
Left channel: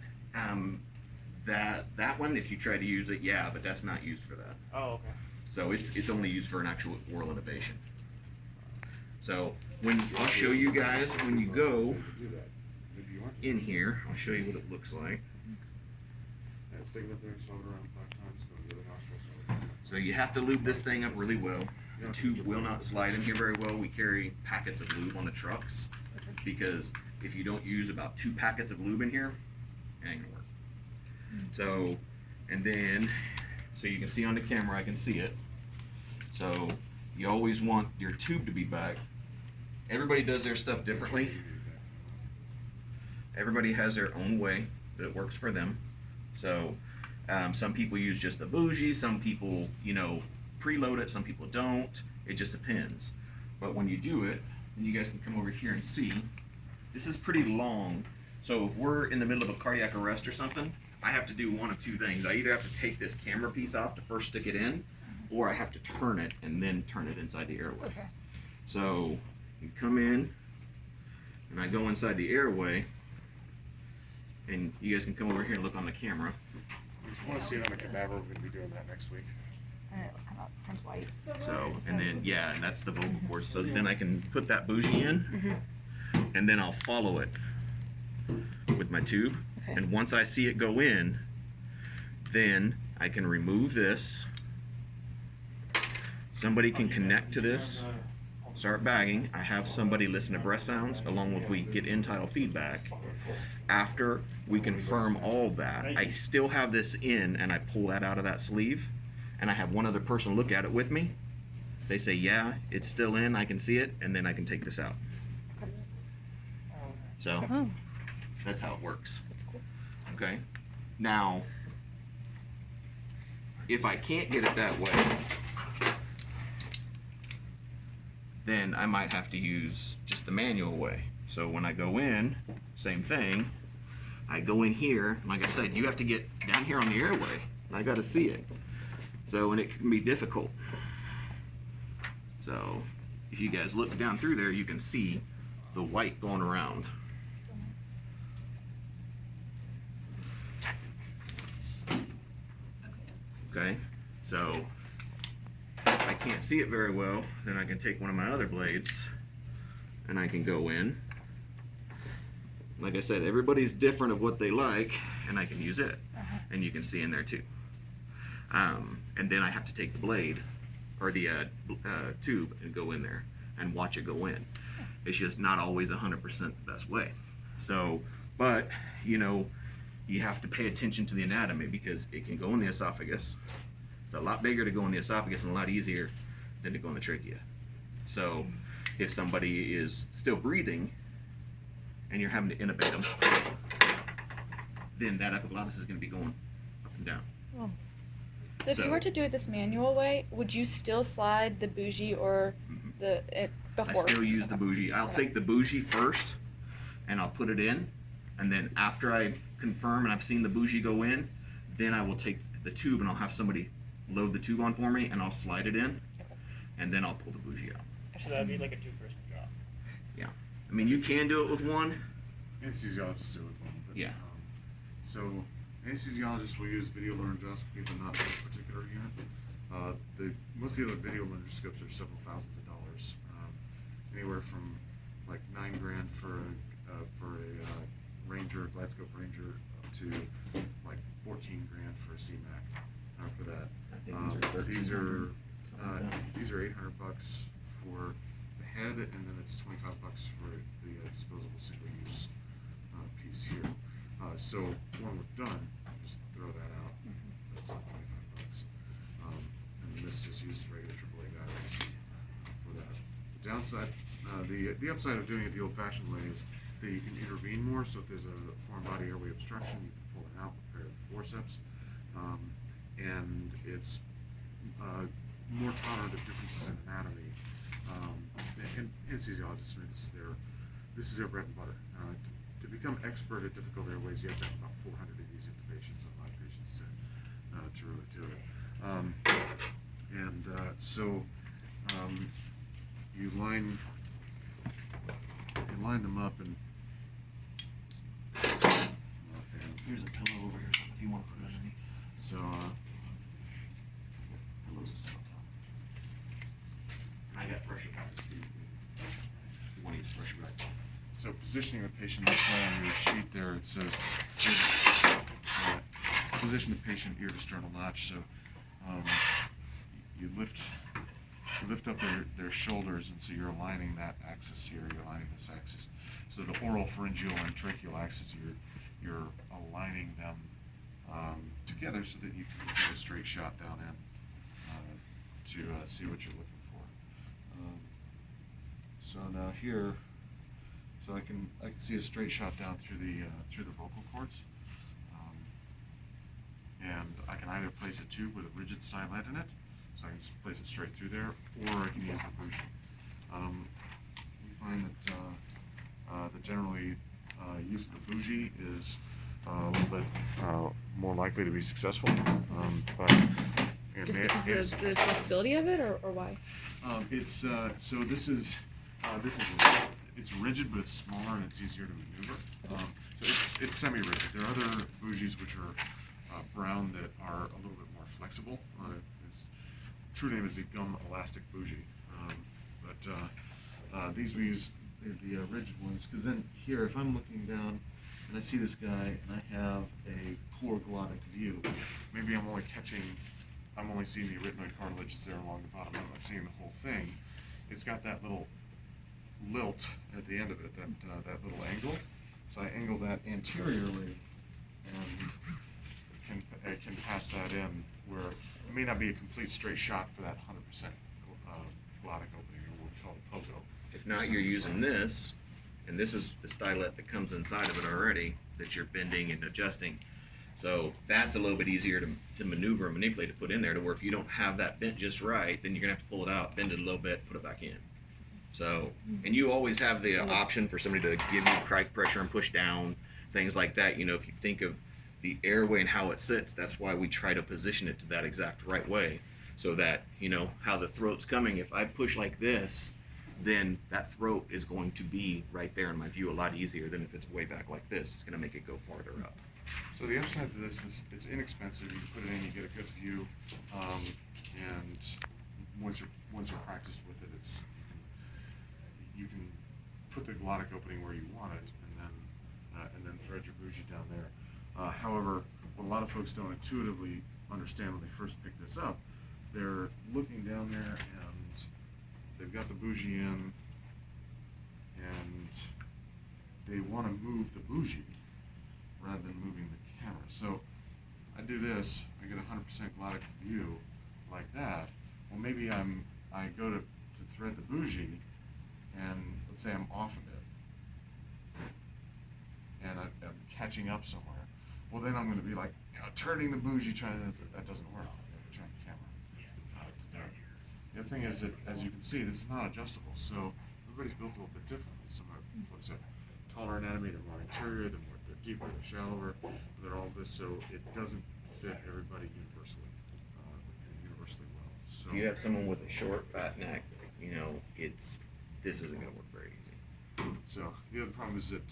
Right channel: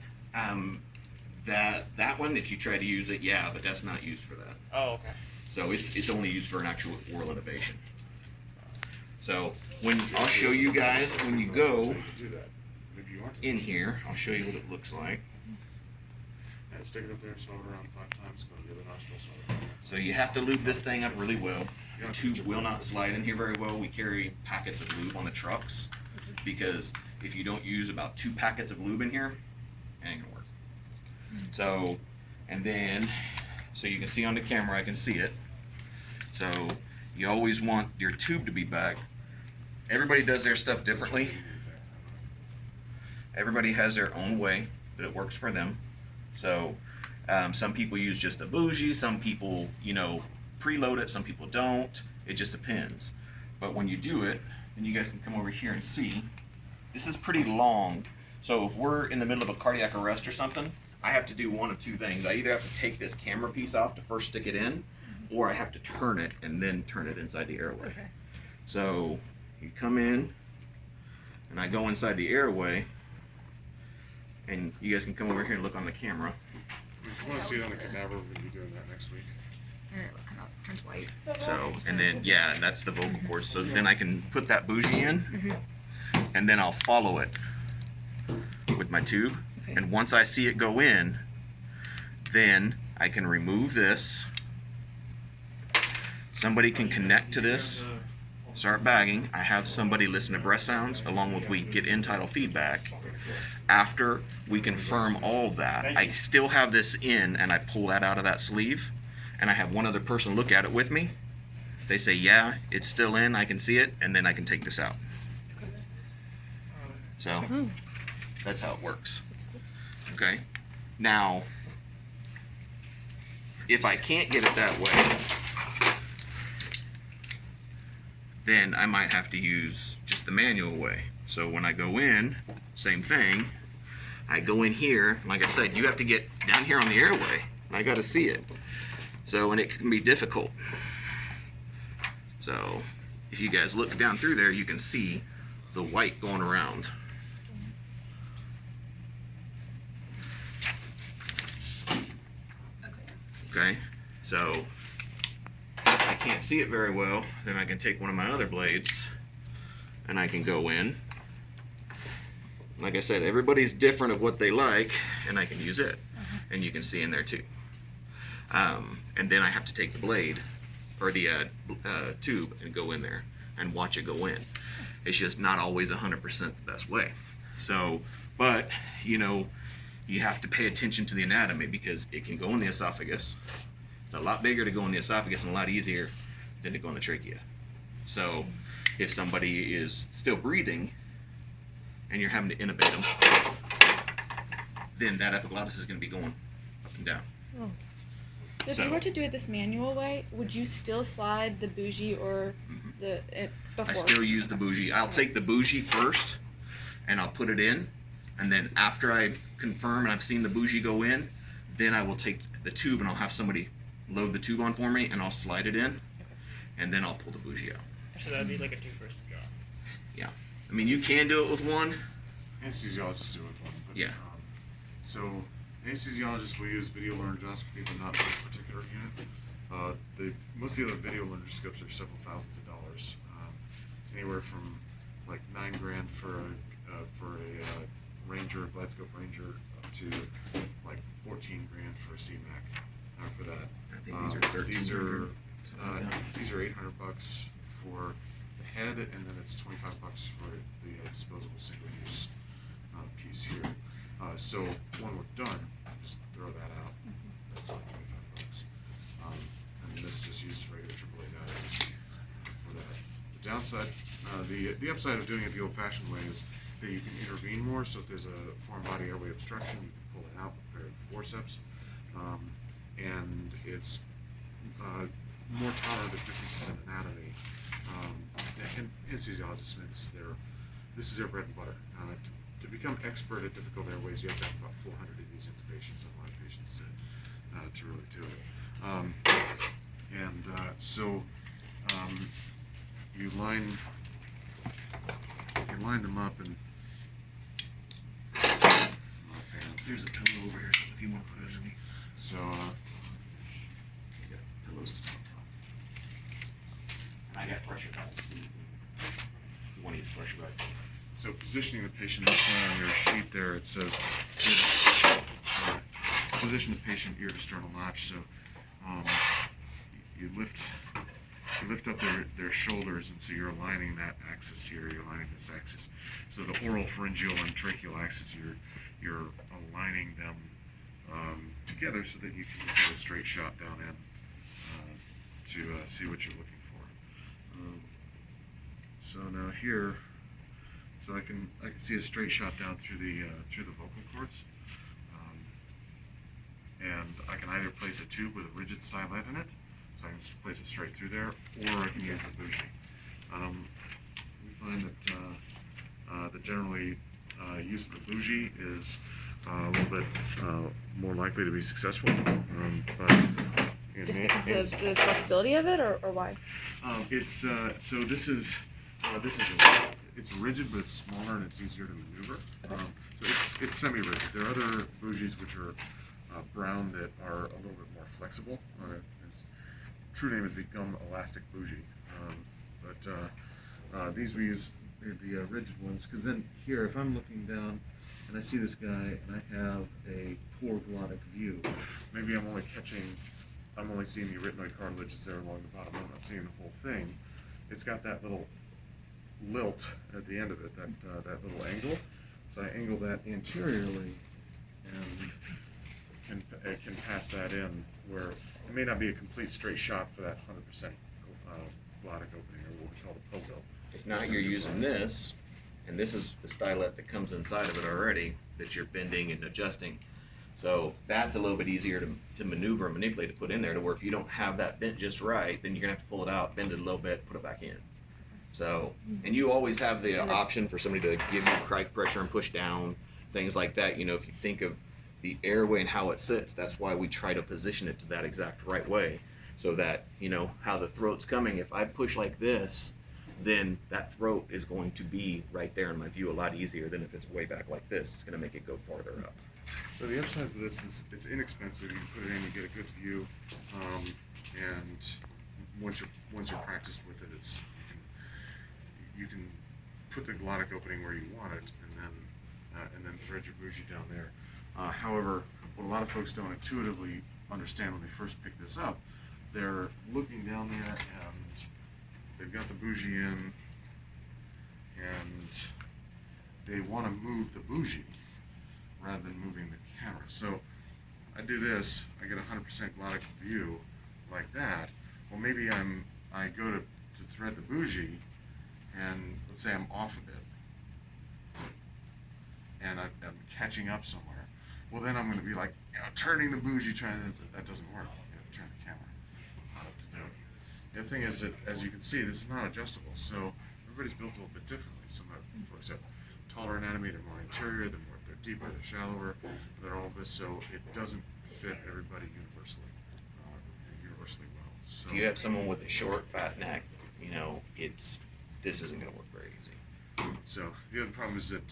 that one, if you try to use it, yeah, but that's not used for that. Oh, okay. So it's only used for an actual oral intubation. So I'll show you guys when you go Do that. If you want to. in here, I'll show you what it looks like. Yeah, stick it up there, swab it around 5 times, go to the other nostril, swab it. So you have to lube this thing up really well. The tube will not slide in here very well. We carry packets of lube on the trucks because if you don't use about 2 packets of lube in here, it ain't gonna work. So, and then, so you can see on the camera, I can see it. So you always want your tube to be back. Everybody does their stuff differently. Everybody has their own way that it works for them. So some people use just the bougie, some people, preload it, some people don't. It just depends. But when you do it, then you guys can come over here and see, this is pretty long. So if we're in the middle of a cardiac arrest or something, I have to do one of 2 things. I either have to take this camera piece off to first stick it in, or I have to turn it and then turn it inside the airway. Okay. So you come in, and I go inside the airway, and you guys can come over here and look on the camera. If you want to see it on the cadaver, we're going to be doing that next week. And it kind of turns white. So, and then, yeah, and that's the vocal cords. So then I can put that bougie in, and then I'll follow it with my tube. Okay. And once I see it go in, then I can remove this. Somebody can connect to this, start bagging. I have somebody listen to breath sounds along with we get end-tidal feedback. After we confirm all of that, I still have this in, and I pull that out of that sleeve, and I have one other person look at it with me. They say, yeah, it's still in, I can see it, and then I can take this out. So that's how it works. Okay. Now, if I can't get it that way, then I might have to use just the manual way. So when I go in, same thing. I go in here, like I said, you have to get down here on the airway. I got to see it. So, and it can be difficult. So, if you guys look down through there, you can see the white going around. Okay, so if I can't see it very well, then I can take one of my other blades and I can go in. Like I said, everybody's different of what they like, and I can use it. And you can see in there too. And then I have to take the blade or the tube and go in there and watch it go in. It's just not always 100% the best way. So, but you know, you have to pay attention to the anatomy because it can go in the esophagus. It's a lot bigger to go in the esophagus and a lot easier than to go in the trachea. So, if somebody is still breathing and you're having to intubate them, then that epiglottis is going to be going up and down. Oh. So if So- you were to do it this manual way, would you still slide the bougie or before? I still use the bougie. I'll take the bougie first and I'll put it in, and then after I confirm and I've seen the bougie go in, then I will take the tube and I'll have somebody load the tube on for me and I'll slide it in, and then I'll pull the bougie out. So that'd be like a two-person job. Yeah. I mean, you can do it with one. Anesthesiologists do it for them. But, Yeah. So anesthesiologists will use video laryngoscopy, but not this particular unit. Most of the other video laryngoscopes are several thousands of dollars, anywhere from like $9,000 for a Ranger, GlideScope Ranger, up to like $14,000 for a CMAC. For that, I think these are 1300. these are $800 for the head, and then it's $25 for the disposable single-use piece here. So when we're done, just throw that out. That's like $25. And this just uses regular AAA batteries for that. The downside, the upside of doing it the old-fashioned way is that you can intervene more. So if there's a foreign body airway obstruction, you can pull it out with a pair of forceps, and it's more tolerant of differences in anatomy. And anesthesiologists, I mean, this is their bread and butter. To become expert at difficult airways, you have to have about 400 of these intubations on live patients to really do it. So you line them up, and There's a pillow over here, so if you want to put it underneath. so Pillows just on top. And I got pressure back. You want to use pressure back? So positioning the patient on your sheet there, it says position the patient ear to sternal notch. So you lift up their shoulders, and so you're aligning that axis here. You're aligning this axis. So the oral, pharyngeal, and tracheal axis, you're aligning them together so that you can get a straight shot down in to see what you're looking for. So now here. So I can see a straight shot down through the vocal cords, and I can either place a tube with a rigid stylet in it, so I can just place it straight through there, or I can use the bougie. We find that that generally use of the bougie is a little bit more likely to be successful. But in Just the- because the flexibility of it, or why? It's so this is it's rigid, but it's smaller and it's easier to maneuver. So it's semi-rigid. There are other bougies which are brown that are a little bit more flexible. Its true name is the gum elastic bougie, but these we use the rigid ones, because then here, if I'm looking down and I see this guy and I have a poor glottic view, maybe I'm only seeing the arytenoid cartilage that's there along the bottom. I'm not seeing the whole thing. It's got that little lilt at the end of it, that little angle. So I angle that anteriorly and can pass that in where it may not be a complete straight shot for that 100% glottic opening, or what we call the pogo. If not, you're using this, and this is the stylet that comes inside of it already that you're bending and adjusting. So that's a little bit easier to maneuver and manipulate to put in there, to where if you don't have that bent just right, then you're gonna have to pull it out, bend it a little bit, put it back in. So, and you always have the option for somebody to give you crack pressure and push down, things like that. You know, if you think of the airway and how it sits, that's why we try to position it to that exact right way, so that, you know, how the throat's coming. If I push like this, then that throat is going to be right there in my view a lot easier than if it's way back like this. It's going to make it go farther up. So the upside of this is it's inexpensive. You put it in, you get a good view, and once you're practiced with it, it's you can put the glottic opening where you want it, and then thread your bougie down there. However, what a lot of folks don't intuitively understand when they first pick this up, they're looking down there and they've got the bougie in, and they want to move the bougie rather than moving the camera. So I do this, I get 100% glottic view like that. Well, maybe I go to thread the bougie, and let's say I'm off a bit, and I'm catching up somewhere. Well, then I'm going to be like, you know, turning the bougie, that doesn't work. You have to turn the camera to do it. The other thing is that, as you can see, this is not adjustable. So everybody's built a little bit differently. Some folks have taller anatomy, they're more anterior, they're deeper, they're shallower, they're all this. So it doesn't fit everybody universally well. So If you have someone with a short, fat neck, you know, this isn't going to work very easy. So the other problem is that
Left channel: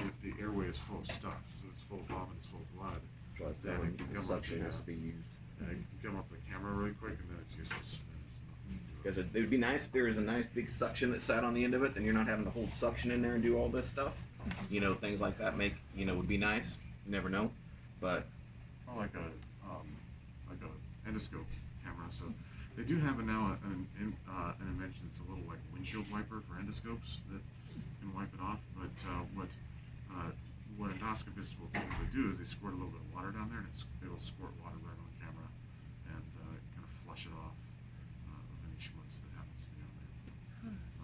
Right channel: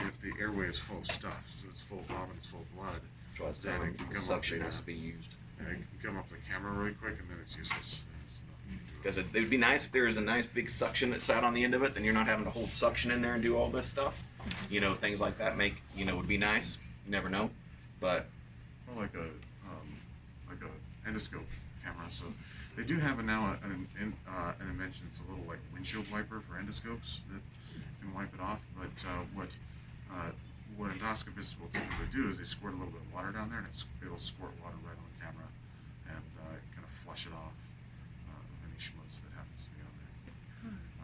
if the airway is full of stuff, so it's full of vomit, it's full of blood, So I was then telling it can the come up suction the, has to be used. it can come up the camera really quick, and then it's useless. There's nothing you can do. Because it would be nice if there was a nice big suction that sat on the end of it, then you're not having to hold suction in there and do all this stuff. You know, things like that would be nice. You never know. But Well, like a endoscope camera. So they do have now an invention. It's a little like windshield wiper for endoscopes that can wipe it off. But what endoscopists will typically do is they squirt a little bit of water down there, and it'll squirt water right on the camera and kind of flush it off of any schmutz that happens to be on there.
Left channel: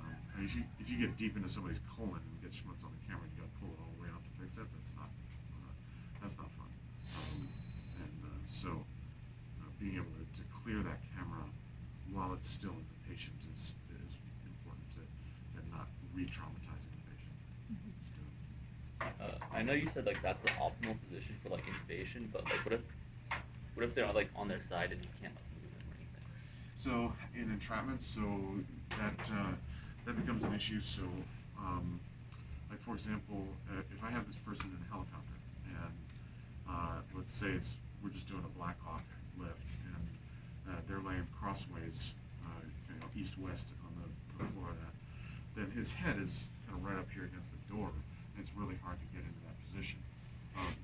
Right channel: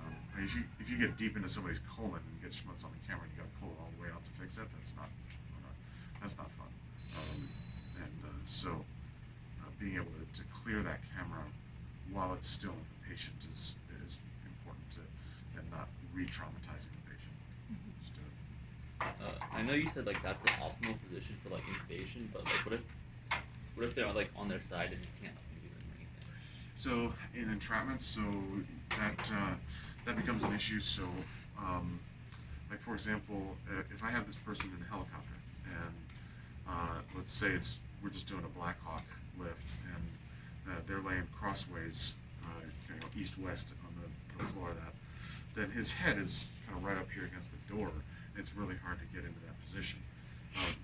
I mean, if you get deep into somebody's colon and get schmutz on the camera, and you got to pull it all the way out to fix that. That's not fun. So being able to clear that camera while it's still in the patient is important and not re-traumatizing the patient. Just do it. I know you said like that's the optimal position for like intubation, but like what if they're like on their side and you can't like, move or anything? So in entrapment, so that becomes an issue. So like for example, if I have this person in a helicopter and let's say we're just doing a Black Hawk lift and they're laying crossways, east-west on the floor of that, then his head is kind of right up here against the door, and it's really hard to get into that position.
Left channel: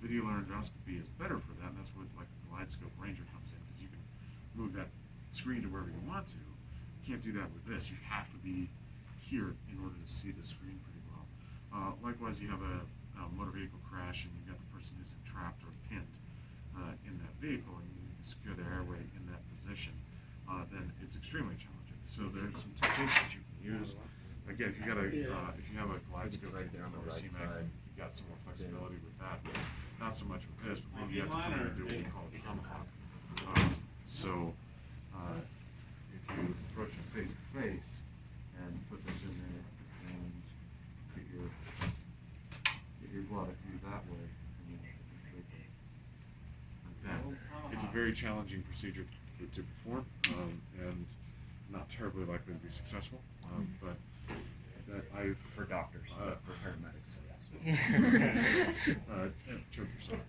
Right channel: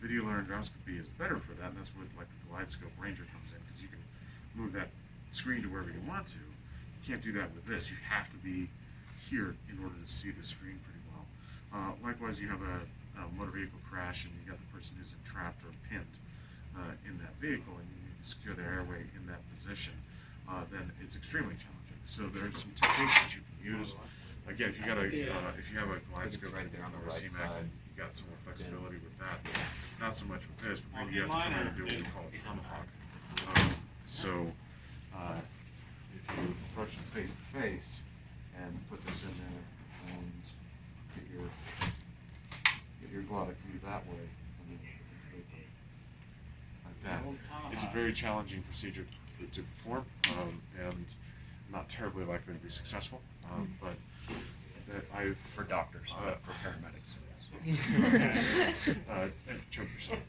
Video laryngoscopy is better for that, and that's where like the GlideScope Ranger comes in, because you can move that screen to wherever you want to. You can't do that with this. You have to be here in order to see the screen pretty well. Likewise, you have a motor vehicle crash and you got the person who's entrapped or pinned in that vehicle, and you need to secure their airway in that position, then it's extremely challenging. So there are some techniques that you can use. Again, if you have a GlideScope right there on the or a right CMAC, side. you got some more flexibility with that. Not so much with this, but maybe you have to come in and do what we call a tomahawk. So if you approach them face to face and put this in there and get your glottic view that way, and then activate them like that. It's a very challenging procedure to perform, and not terribly likely to be successful. But that I've for doctors, for paramedics. Choke yourself.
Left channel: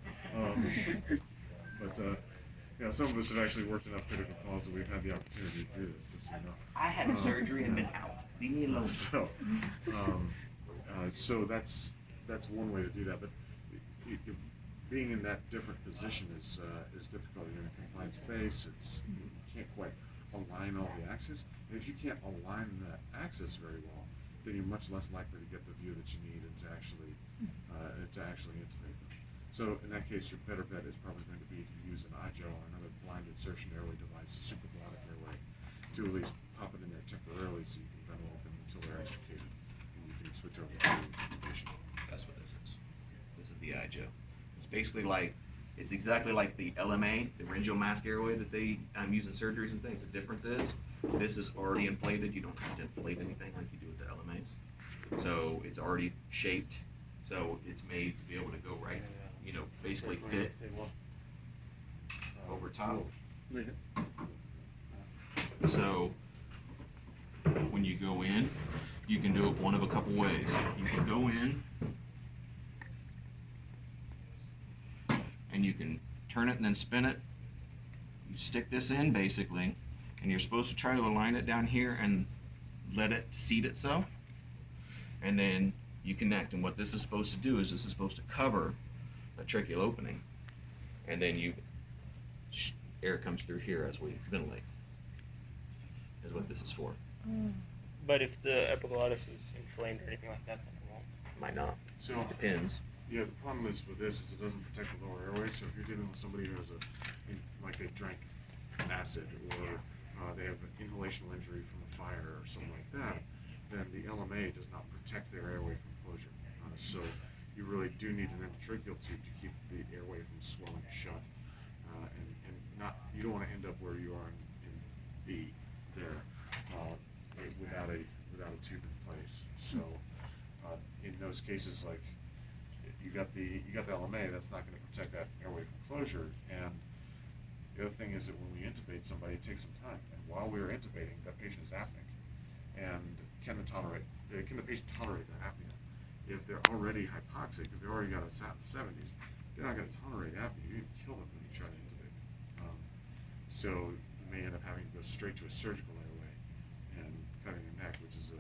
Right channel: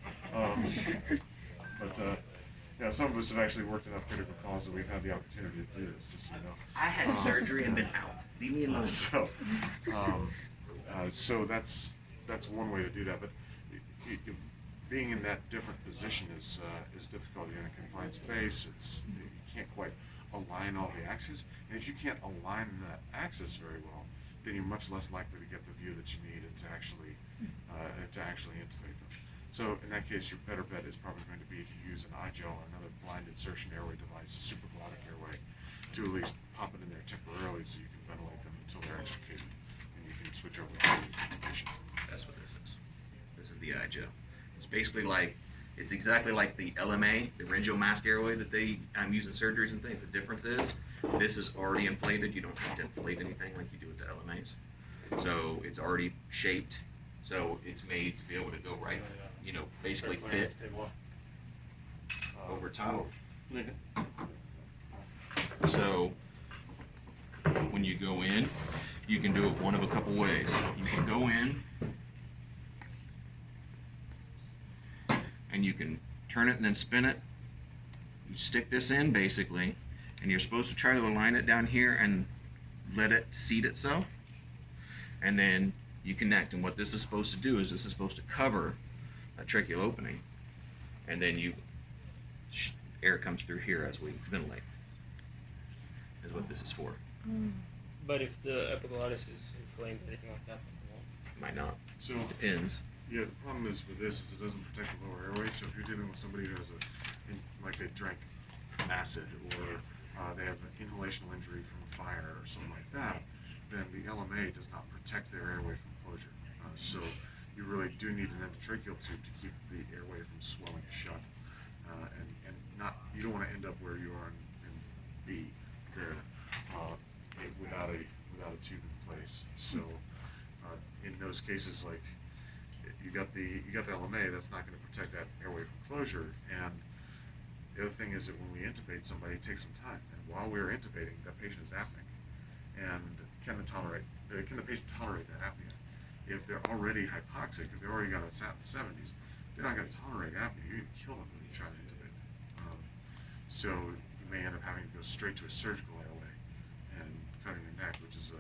Yeah, some of us have actually worked enough critical calls that we've had the opportunity to do this, just so you know. I had surgery and been out. Leave me alone. So that's one way to do that. But being in that different position is difficult. You're in a confined space. You can't quite align all the axes, and if you can't align that axis very well, then you're much less likely to get the view that you need and to actually intubate them. So in that case, your better bet is probably going to be to use an iGel or another blind insertion airway device, a supraglottic airway, to at least pop it in there temporarily so you can ventilate them until they're extricated, and you can switch over to intubation. That's what this is. This is the iGel. It's basically it's exactly like the LMA, the laryngeal mask airway that they use in surgeries and things. The difference is This is already inflated. You don't have to inflate anything like you do with the LMAs. So it's already shaped. So it's made to be able to go right, basically fit over top. So when you go in, you can do it one of a couple ways. You can go in and you can turn it and then spin it. You stick this in basically, and you're supposed to try to align it down here and let it seat itself. And then you connect, and what this is supposed to do is this is supposed to cover a tracheal opening, and then air comes through here as we ventilate. Is what this is for. But if the epiglottis is inflamed or anything like that, then it won't. Might not. So Depends. yeah, the problem is with this is it doesn't protect the lower airway. So if you're dealing with somebody who has like they drank acid or they have an inhalational injury from a fire or something like that, then the LMA does not protect their airway from closure. So you really do need an endotracheal tube to keep the airway from swelling shut, and not, you don't want to end up where you are in B there without a tube in place. So in those cases, like you got the LMA, that's not going to protect that airway from closure. And the other thing is that when we intubate somebody, it takes some time, and while we're intubating, that patient is apneic. And can the patient tolerate that apnea? If they're already hypoxic, if they already got a SAT in the 70s, they're not going to tolerate apnea. You're going to kill them when you try to intubate them. So you may end up having to go straight to a surgical airway and cutting their neck, which is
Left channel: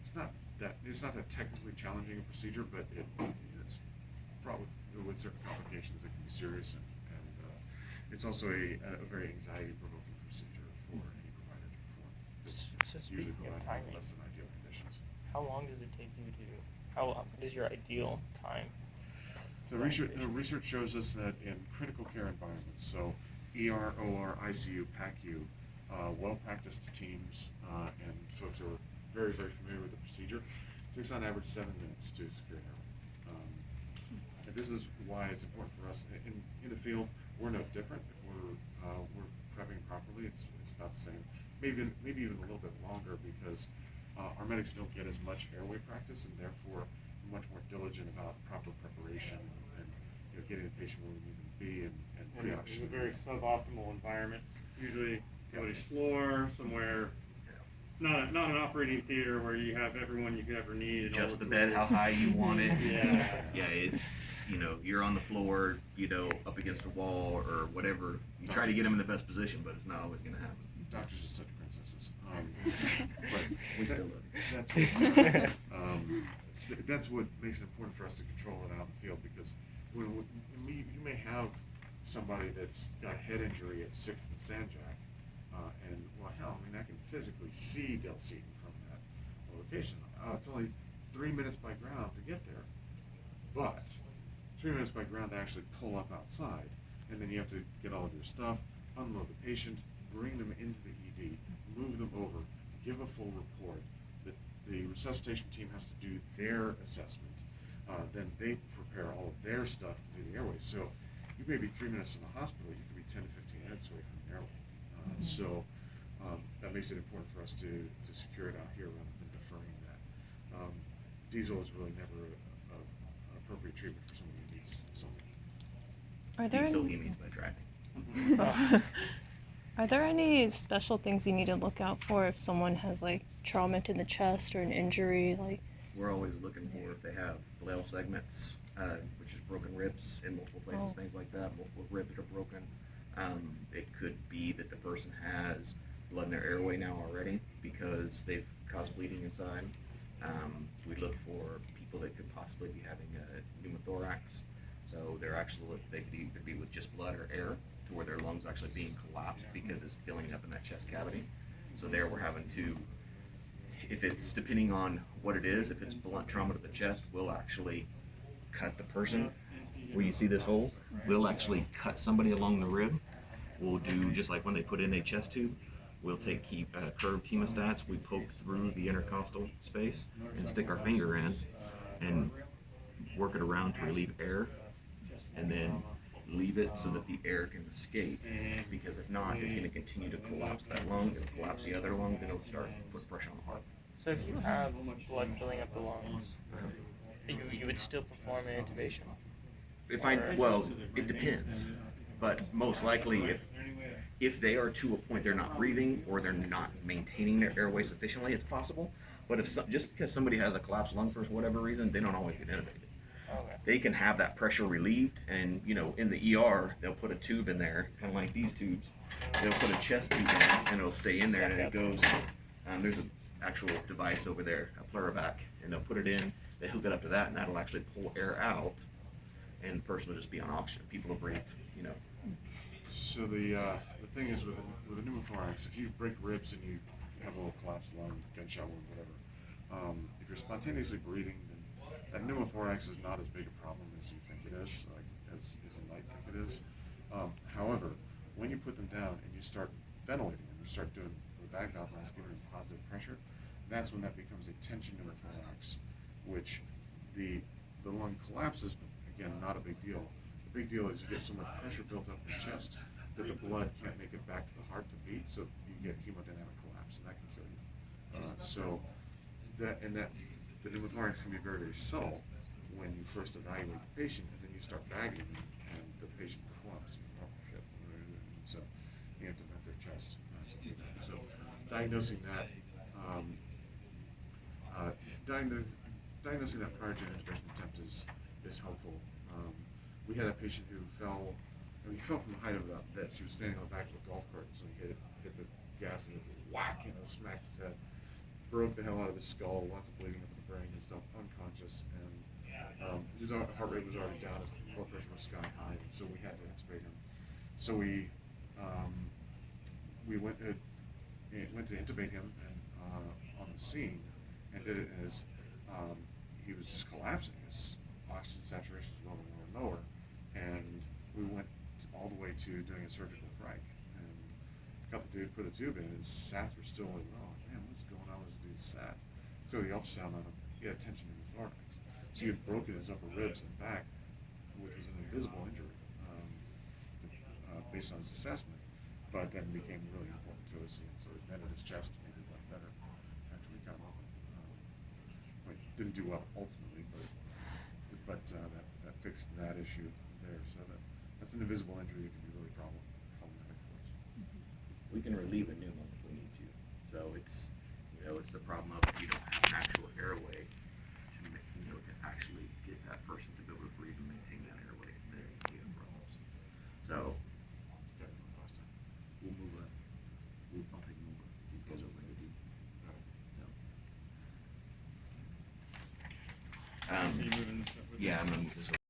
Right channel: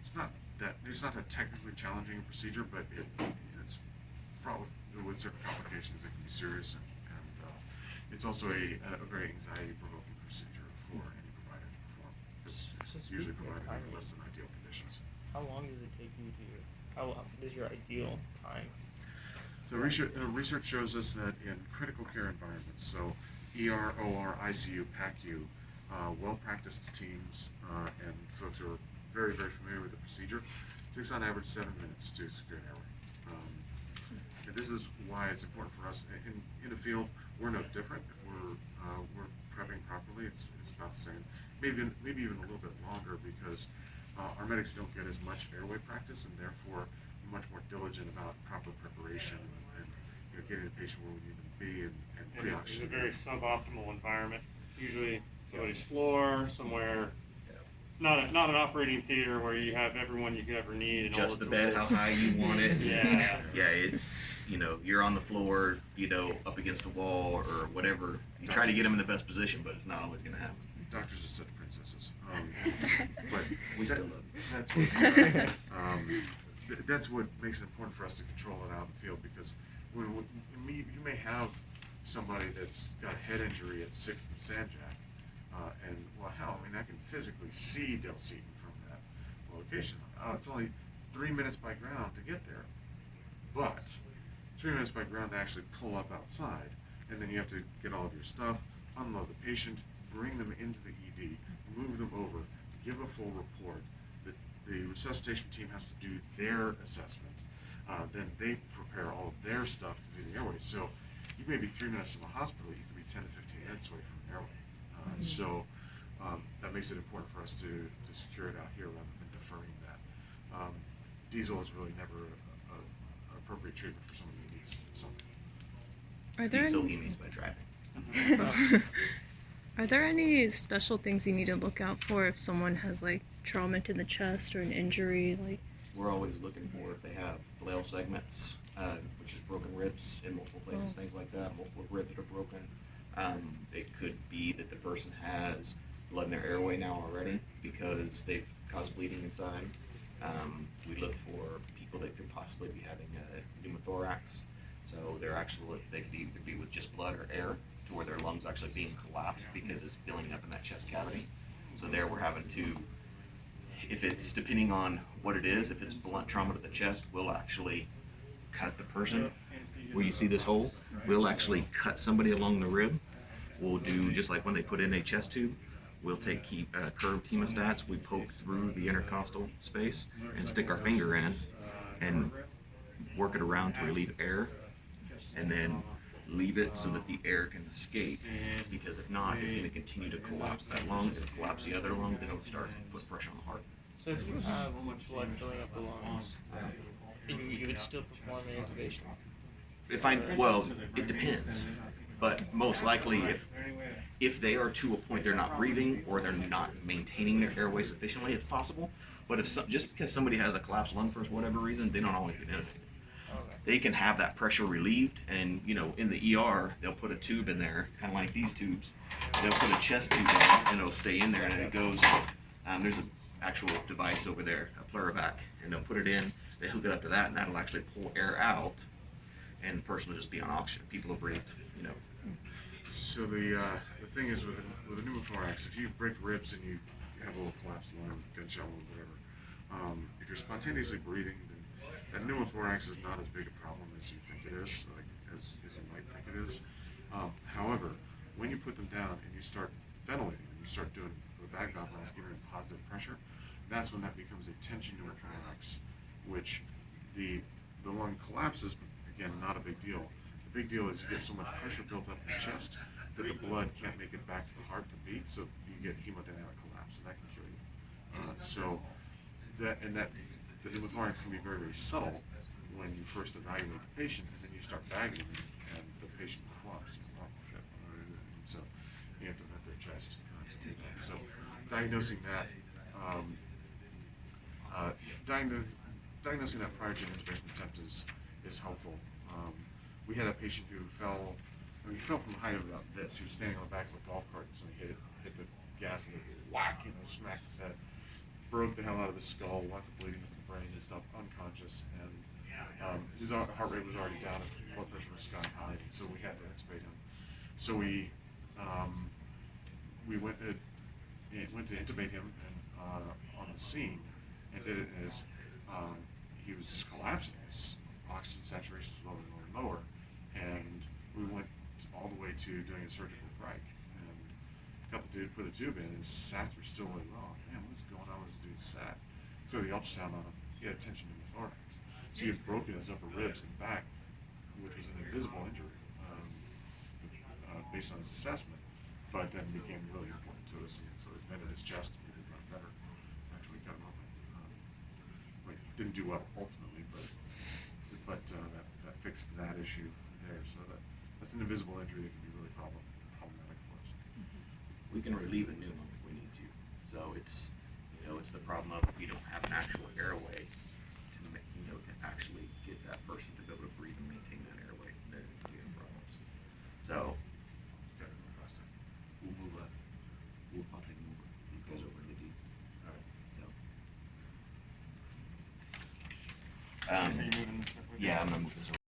it's not that technically challenging a procedure, but it's fraught with certain complications that can be serious, and it's also a very anxiety-provoking procedure for any provider to perform. It's usually provided under less than ideal conditions. How long does it take you to? What is your ideal time? So research shows us that in critical care environments, so ER, OR, ICU, PACU, well-practiced teams and folks who are very, very familiar with the procedure, it takes on average 7 minutes to secure an airway. And this is why it's important for us in the field. We're no different. If we're prepping properly, it's about the same. Maybe even a little bit longer, because our medics don't get as much airway practice, and therefore we're much more diligent about proper preparation and getting the patient where we need them to be and It's a very suboptimal environment. It's usually somebody's floor, somewhere. It's not an operating theater where you have everyone you could ever need and Just all the the bed, how tools. high you want it. Yeah. Yeah, it's, you're on the floor, up against a wall or whatever. You try to get them in the best position, but it's not always going to happen. Doctors are such princesses. But We still love you. That's what makes it important for us to control it out in the field, because you may have somebody that's got a head injury at 6th and Sanjack, and well, hell, I can physically see Del Seaton from that location. It's only 3 minutes by ground to get there, but 3 minutes by ground to actually pull up outside, and then you have to get all of your stuff, unload the patient, bring them into the ED, move them over, give a full report. The resuscitation team has to do their assessment. Then they prepare all of their stuff to do the airway. So you may be 3 minutes from the hospital, you could be 10 to 15 minutes away from the airway. So that makes it important for us to secure it out here rather than deferring that. Diesel is really never an appropriate treatment for someone who needs something. Are there So any, he means by driving. are there any special things you need to look out for if someone has like trauma to the chest or an injury? We're always looking for if they have flail segments, which is broken ribs in multiple places, things like that, multiple ribs that are broken. It could be that the person has blood in their airway now already because they've caused bleeding inside. We look for people that could possibly be having a pneumothorax. So they could either be with just blood or air, to where their lungs actually being collapsed because it's filling up in that chest cavity. So there we're having to, if it's depending on what it is, if it's blunt trauma to the chest, we'll actually cut the person. Where you see this hole, we'll actually cut somebody along the rib. We'll do just like when they put in a chest tube. We'll take curved hemostats, we poke through the intercostal space and stick our finger in and work it around to relieve air, and then leave it so that the air can escape, because if not, it's going to continue to collapse that lung, it'll collapse the other lung, then it'll start putting pressure on the heart. So if you have blood filling up the lungs, you would still perform an intubation? Well, it depends, but most likely if they are to a point they're not breathing or they're not maintaining their airway sufficiently, it's possible. But just because somebody has a collapsed lung for whatever reason, they don't always get intubated. They can have that pressure relieved, and in the ER they'll put a tube in there, kind of like these tubes. They'll put a chest tube in, and it'll stay in there, and it goes. There's an actual device over there, a pleurovac, and they'll put it in. They hook it up to that, and that'll actually pull air out, and the person will just be on oxygen. People will breathe, So the thing is with a pneumothorax, if you break ribs and you have a little collapsed lung, gunshot wound, whatever, if you're spontaneously breathing, then that pneumothorax is not as big a problem as you think it is, like as you might think it is. However, when you put them down and you start ventilating and you start doing the bag valve mask, giving them positive pressure, that's when that becomes a tension pneumothorax, which the lung collapses, but again, not a big deal. The big deal is you get so much pressure built up in the chest that the blood can't make it back to the heart to beat, so you get hemodynamic collapse, and that can kill you. The pneumothorax can be very, very subtle when you first evaluate the patient, and then you start bagging them, and the patient clumps. And so you have to vent their chest to do that. So diagnosing that, diagnosing that prior to an intubation attempt is helpful. We had a patient who fell. He fell from the height of about this. He was standing on the back of a golf cart, so he hit the gas and it whack, smacked his head, broke the hell out of his skull, lots of bleeding up in the brain and stuff, unconscious, and his heart rate was already down, his blood pressure was sky high, and so we had to intubate him. So we went to intubate him and on the scene, and did it as he was just collapsing. His oxygen saturation was lower and lower and lower, and we went all the way to doing a surgical preg, and got the dude, put a tube in, and his sats were still really low. Man, what's going on with this dude's sats? Threw the ultrasound on him. He had tension in the thorax, so he had broken his upper ribs and back, which was an invisible injury based on his assessment, but then became really important to us, and so he vented his chest and made it a lot better after we cut him open. But didn't do well ultimately, but that fixed that issue there. So that's an invisible injury that can be really problematic for us. We can relieve a pneumo if we need to. So it's the problem of if you don't have an actual airway to actually get that person to be able to breathe and maintain that airway, then you have problems. So I'll take them over. These guys over in the deep. All right. So Are you moving? yeah, I'm gonna move this over.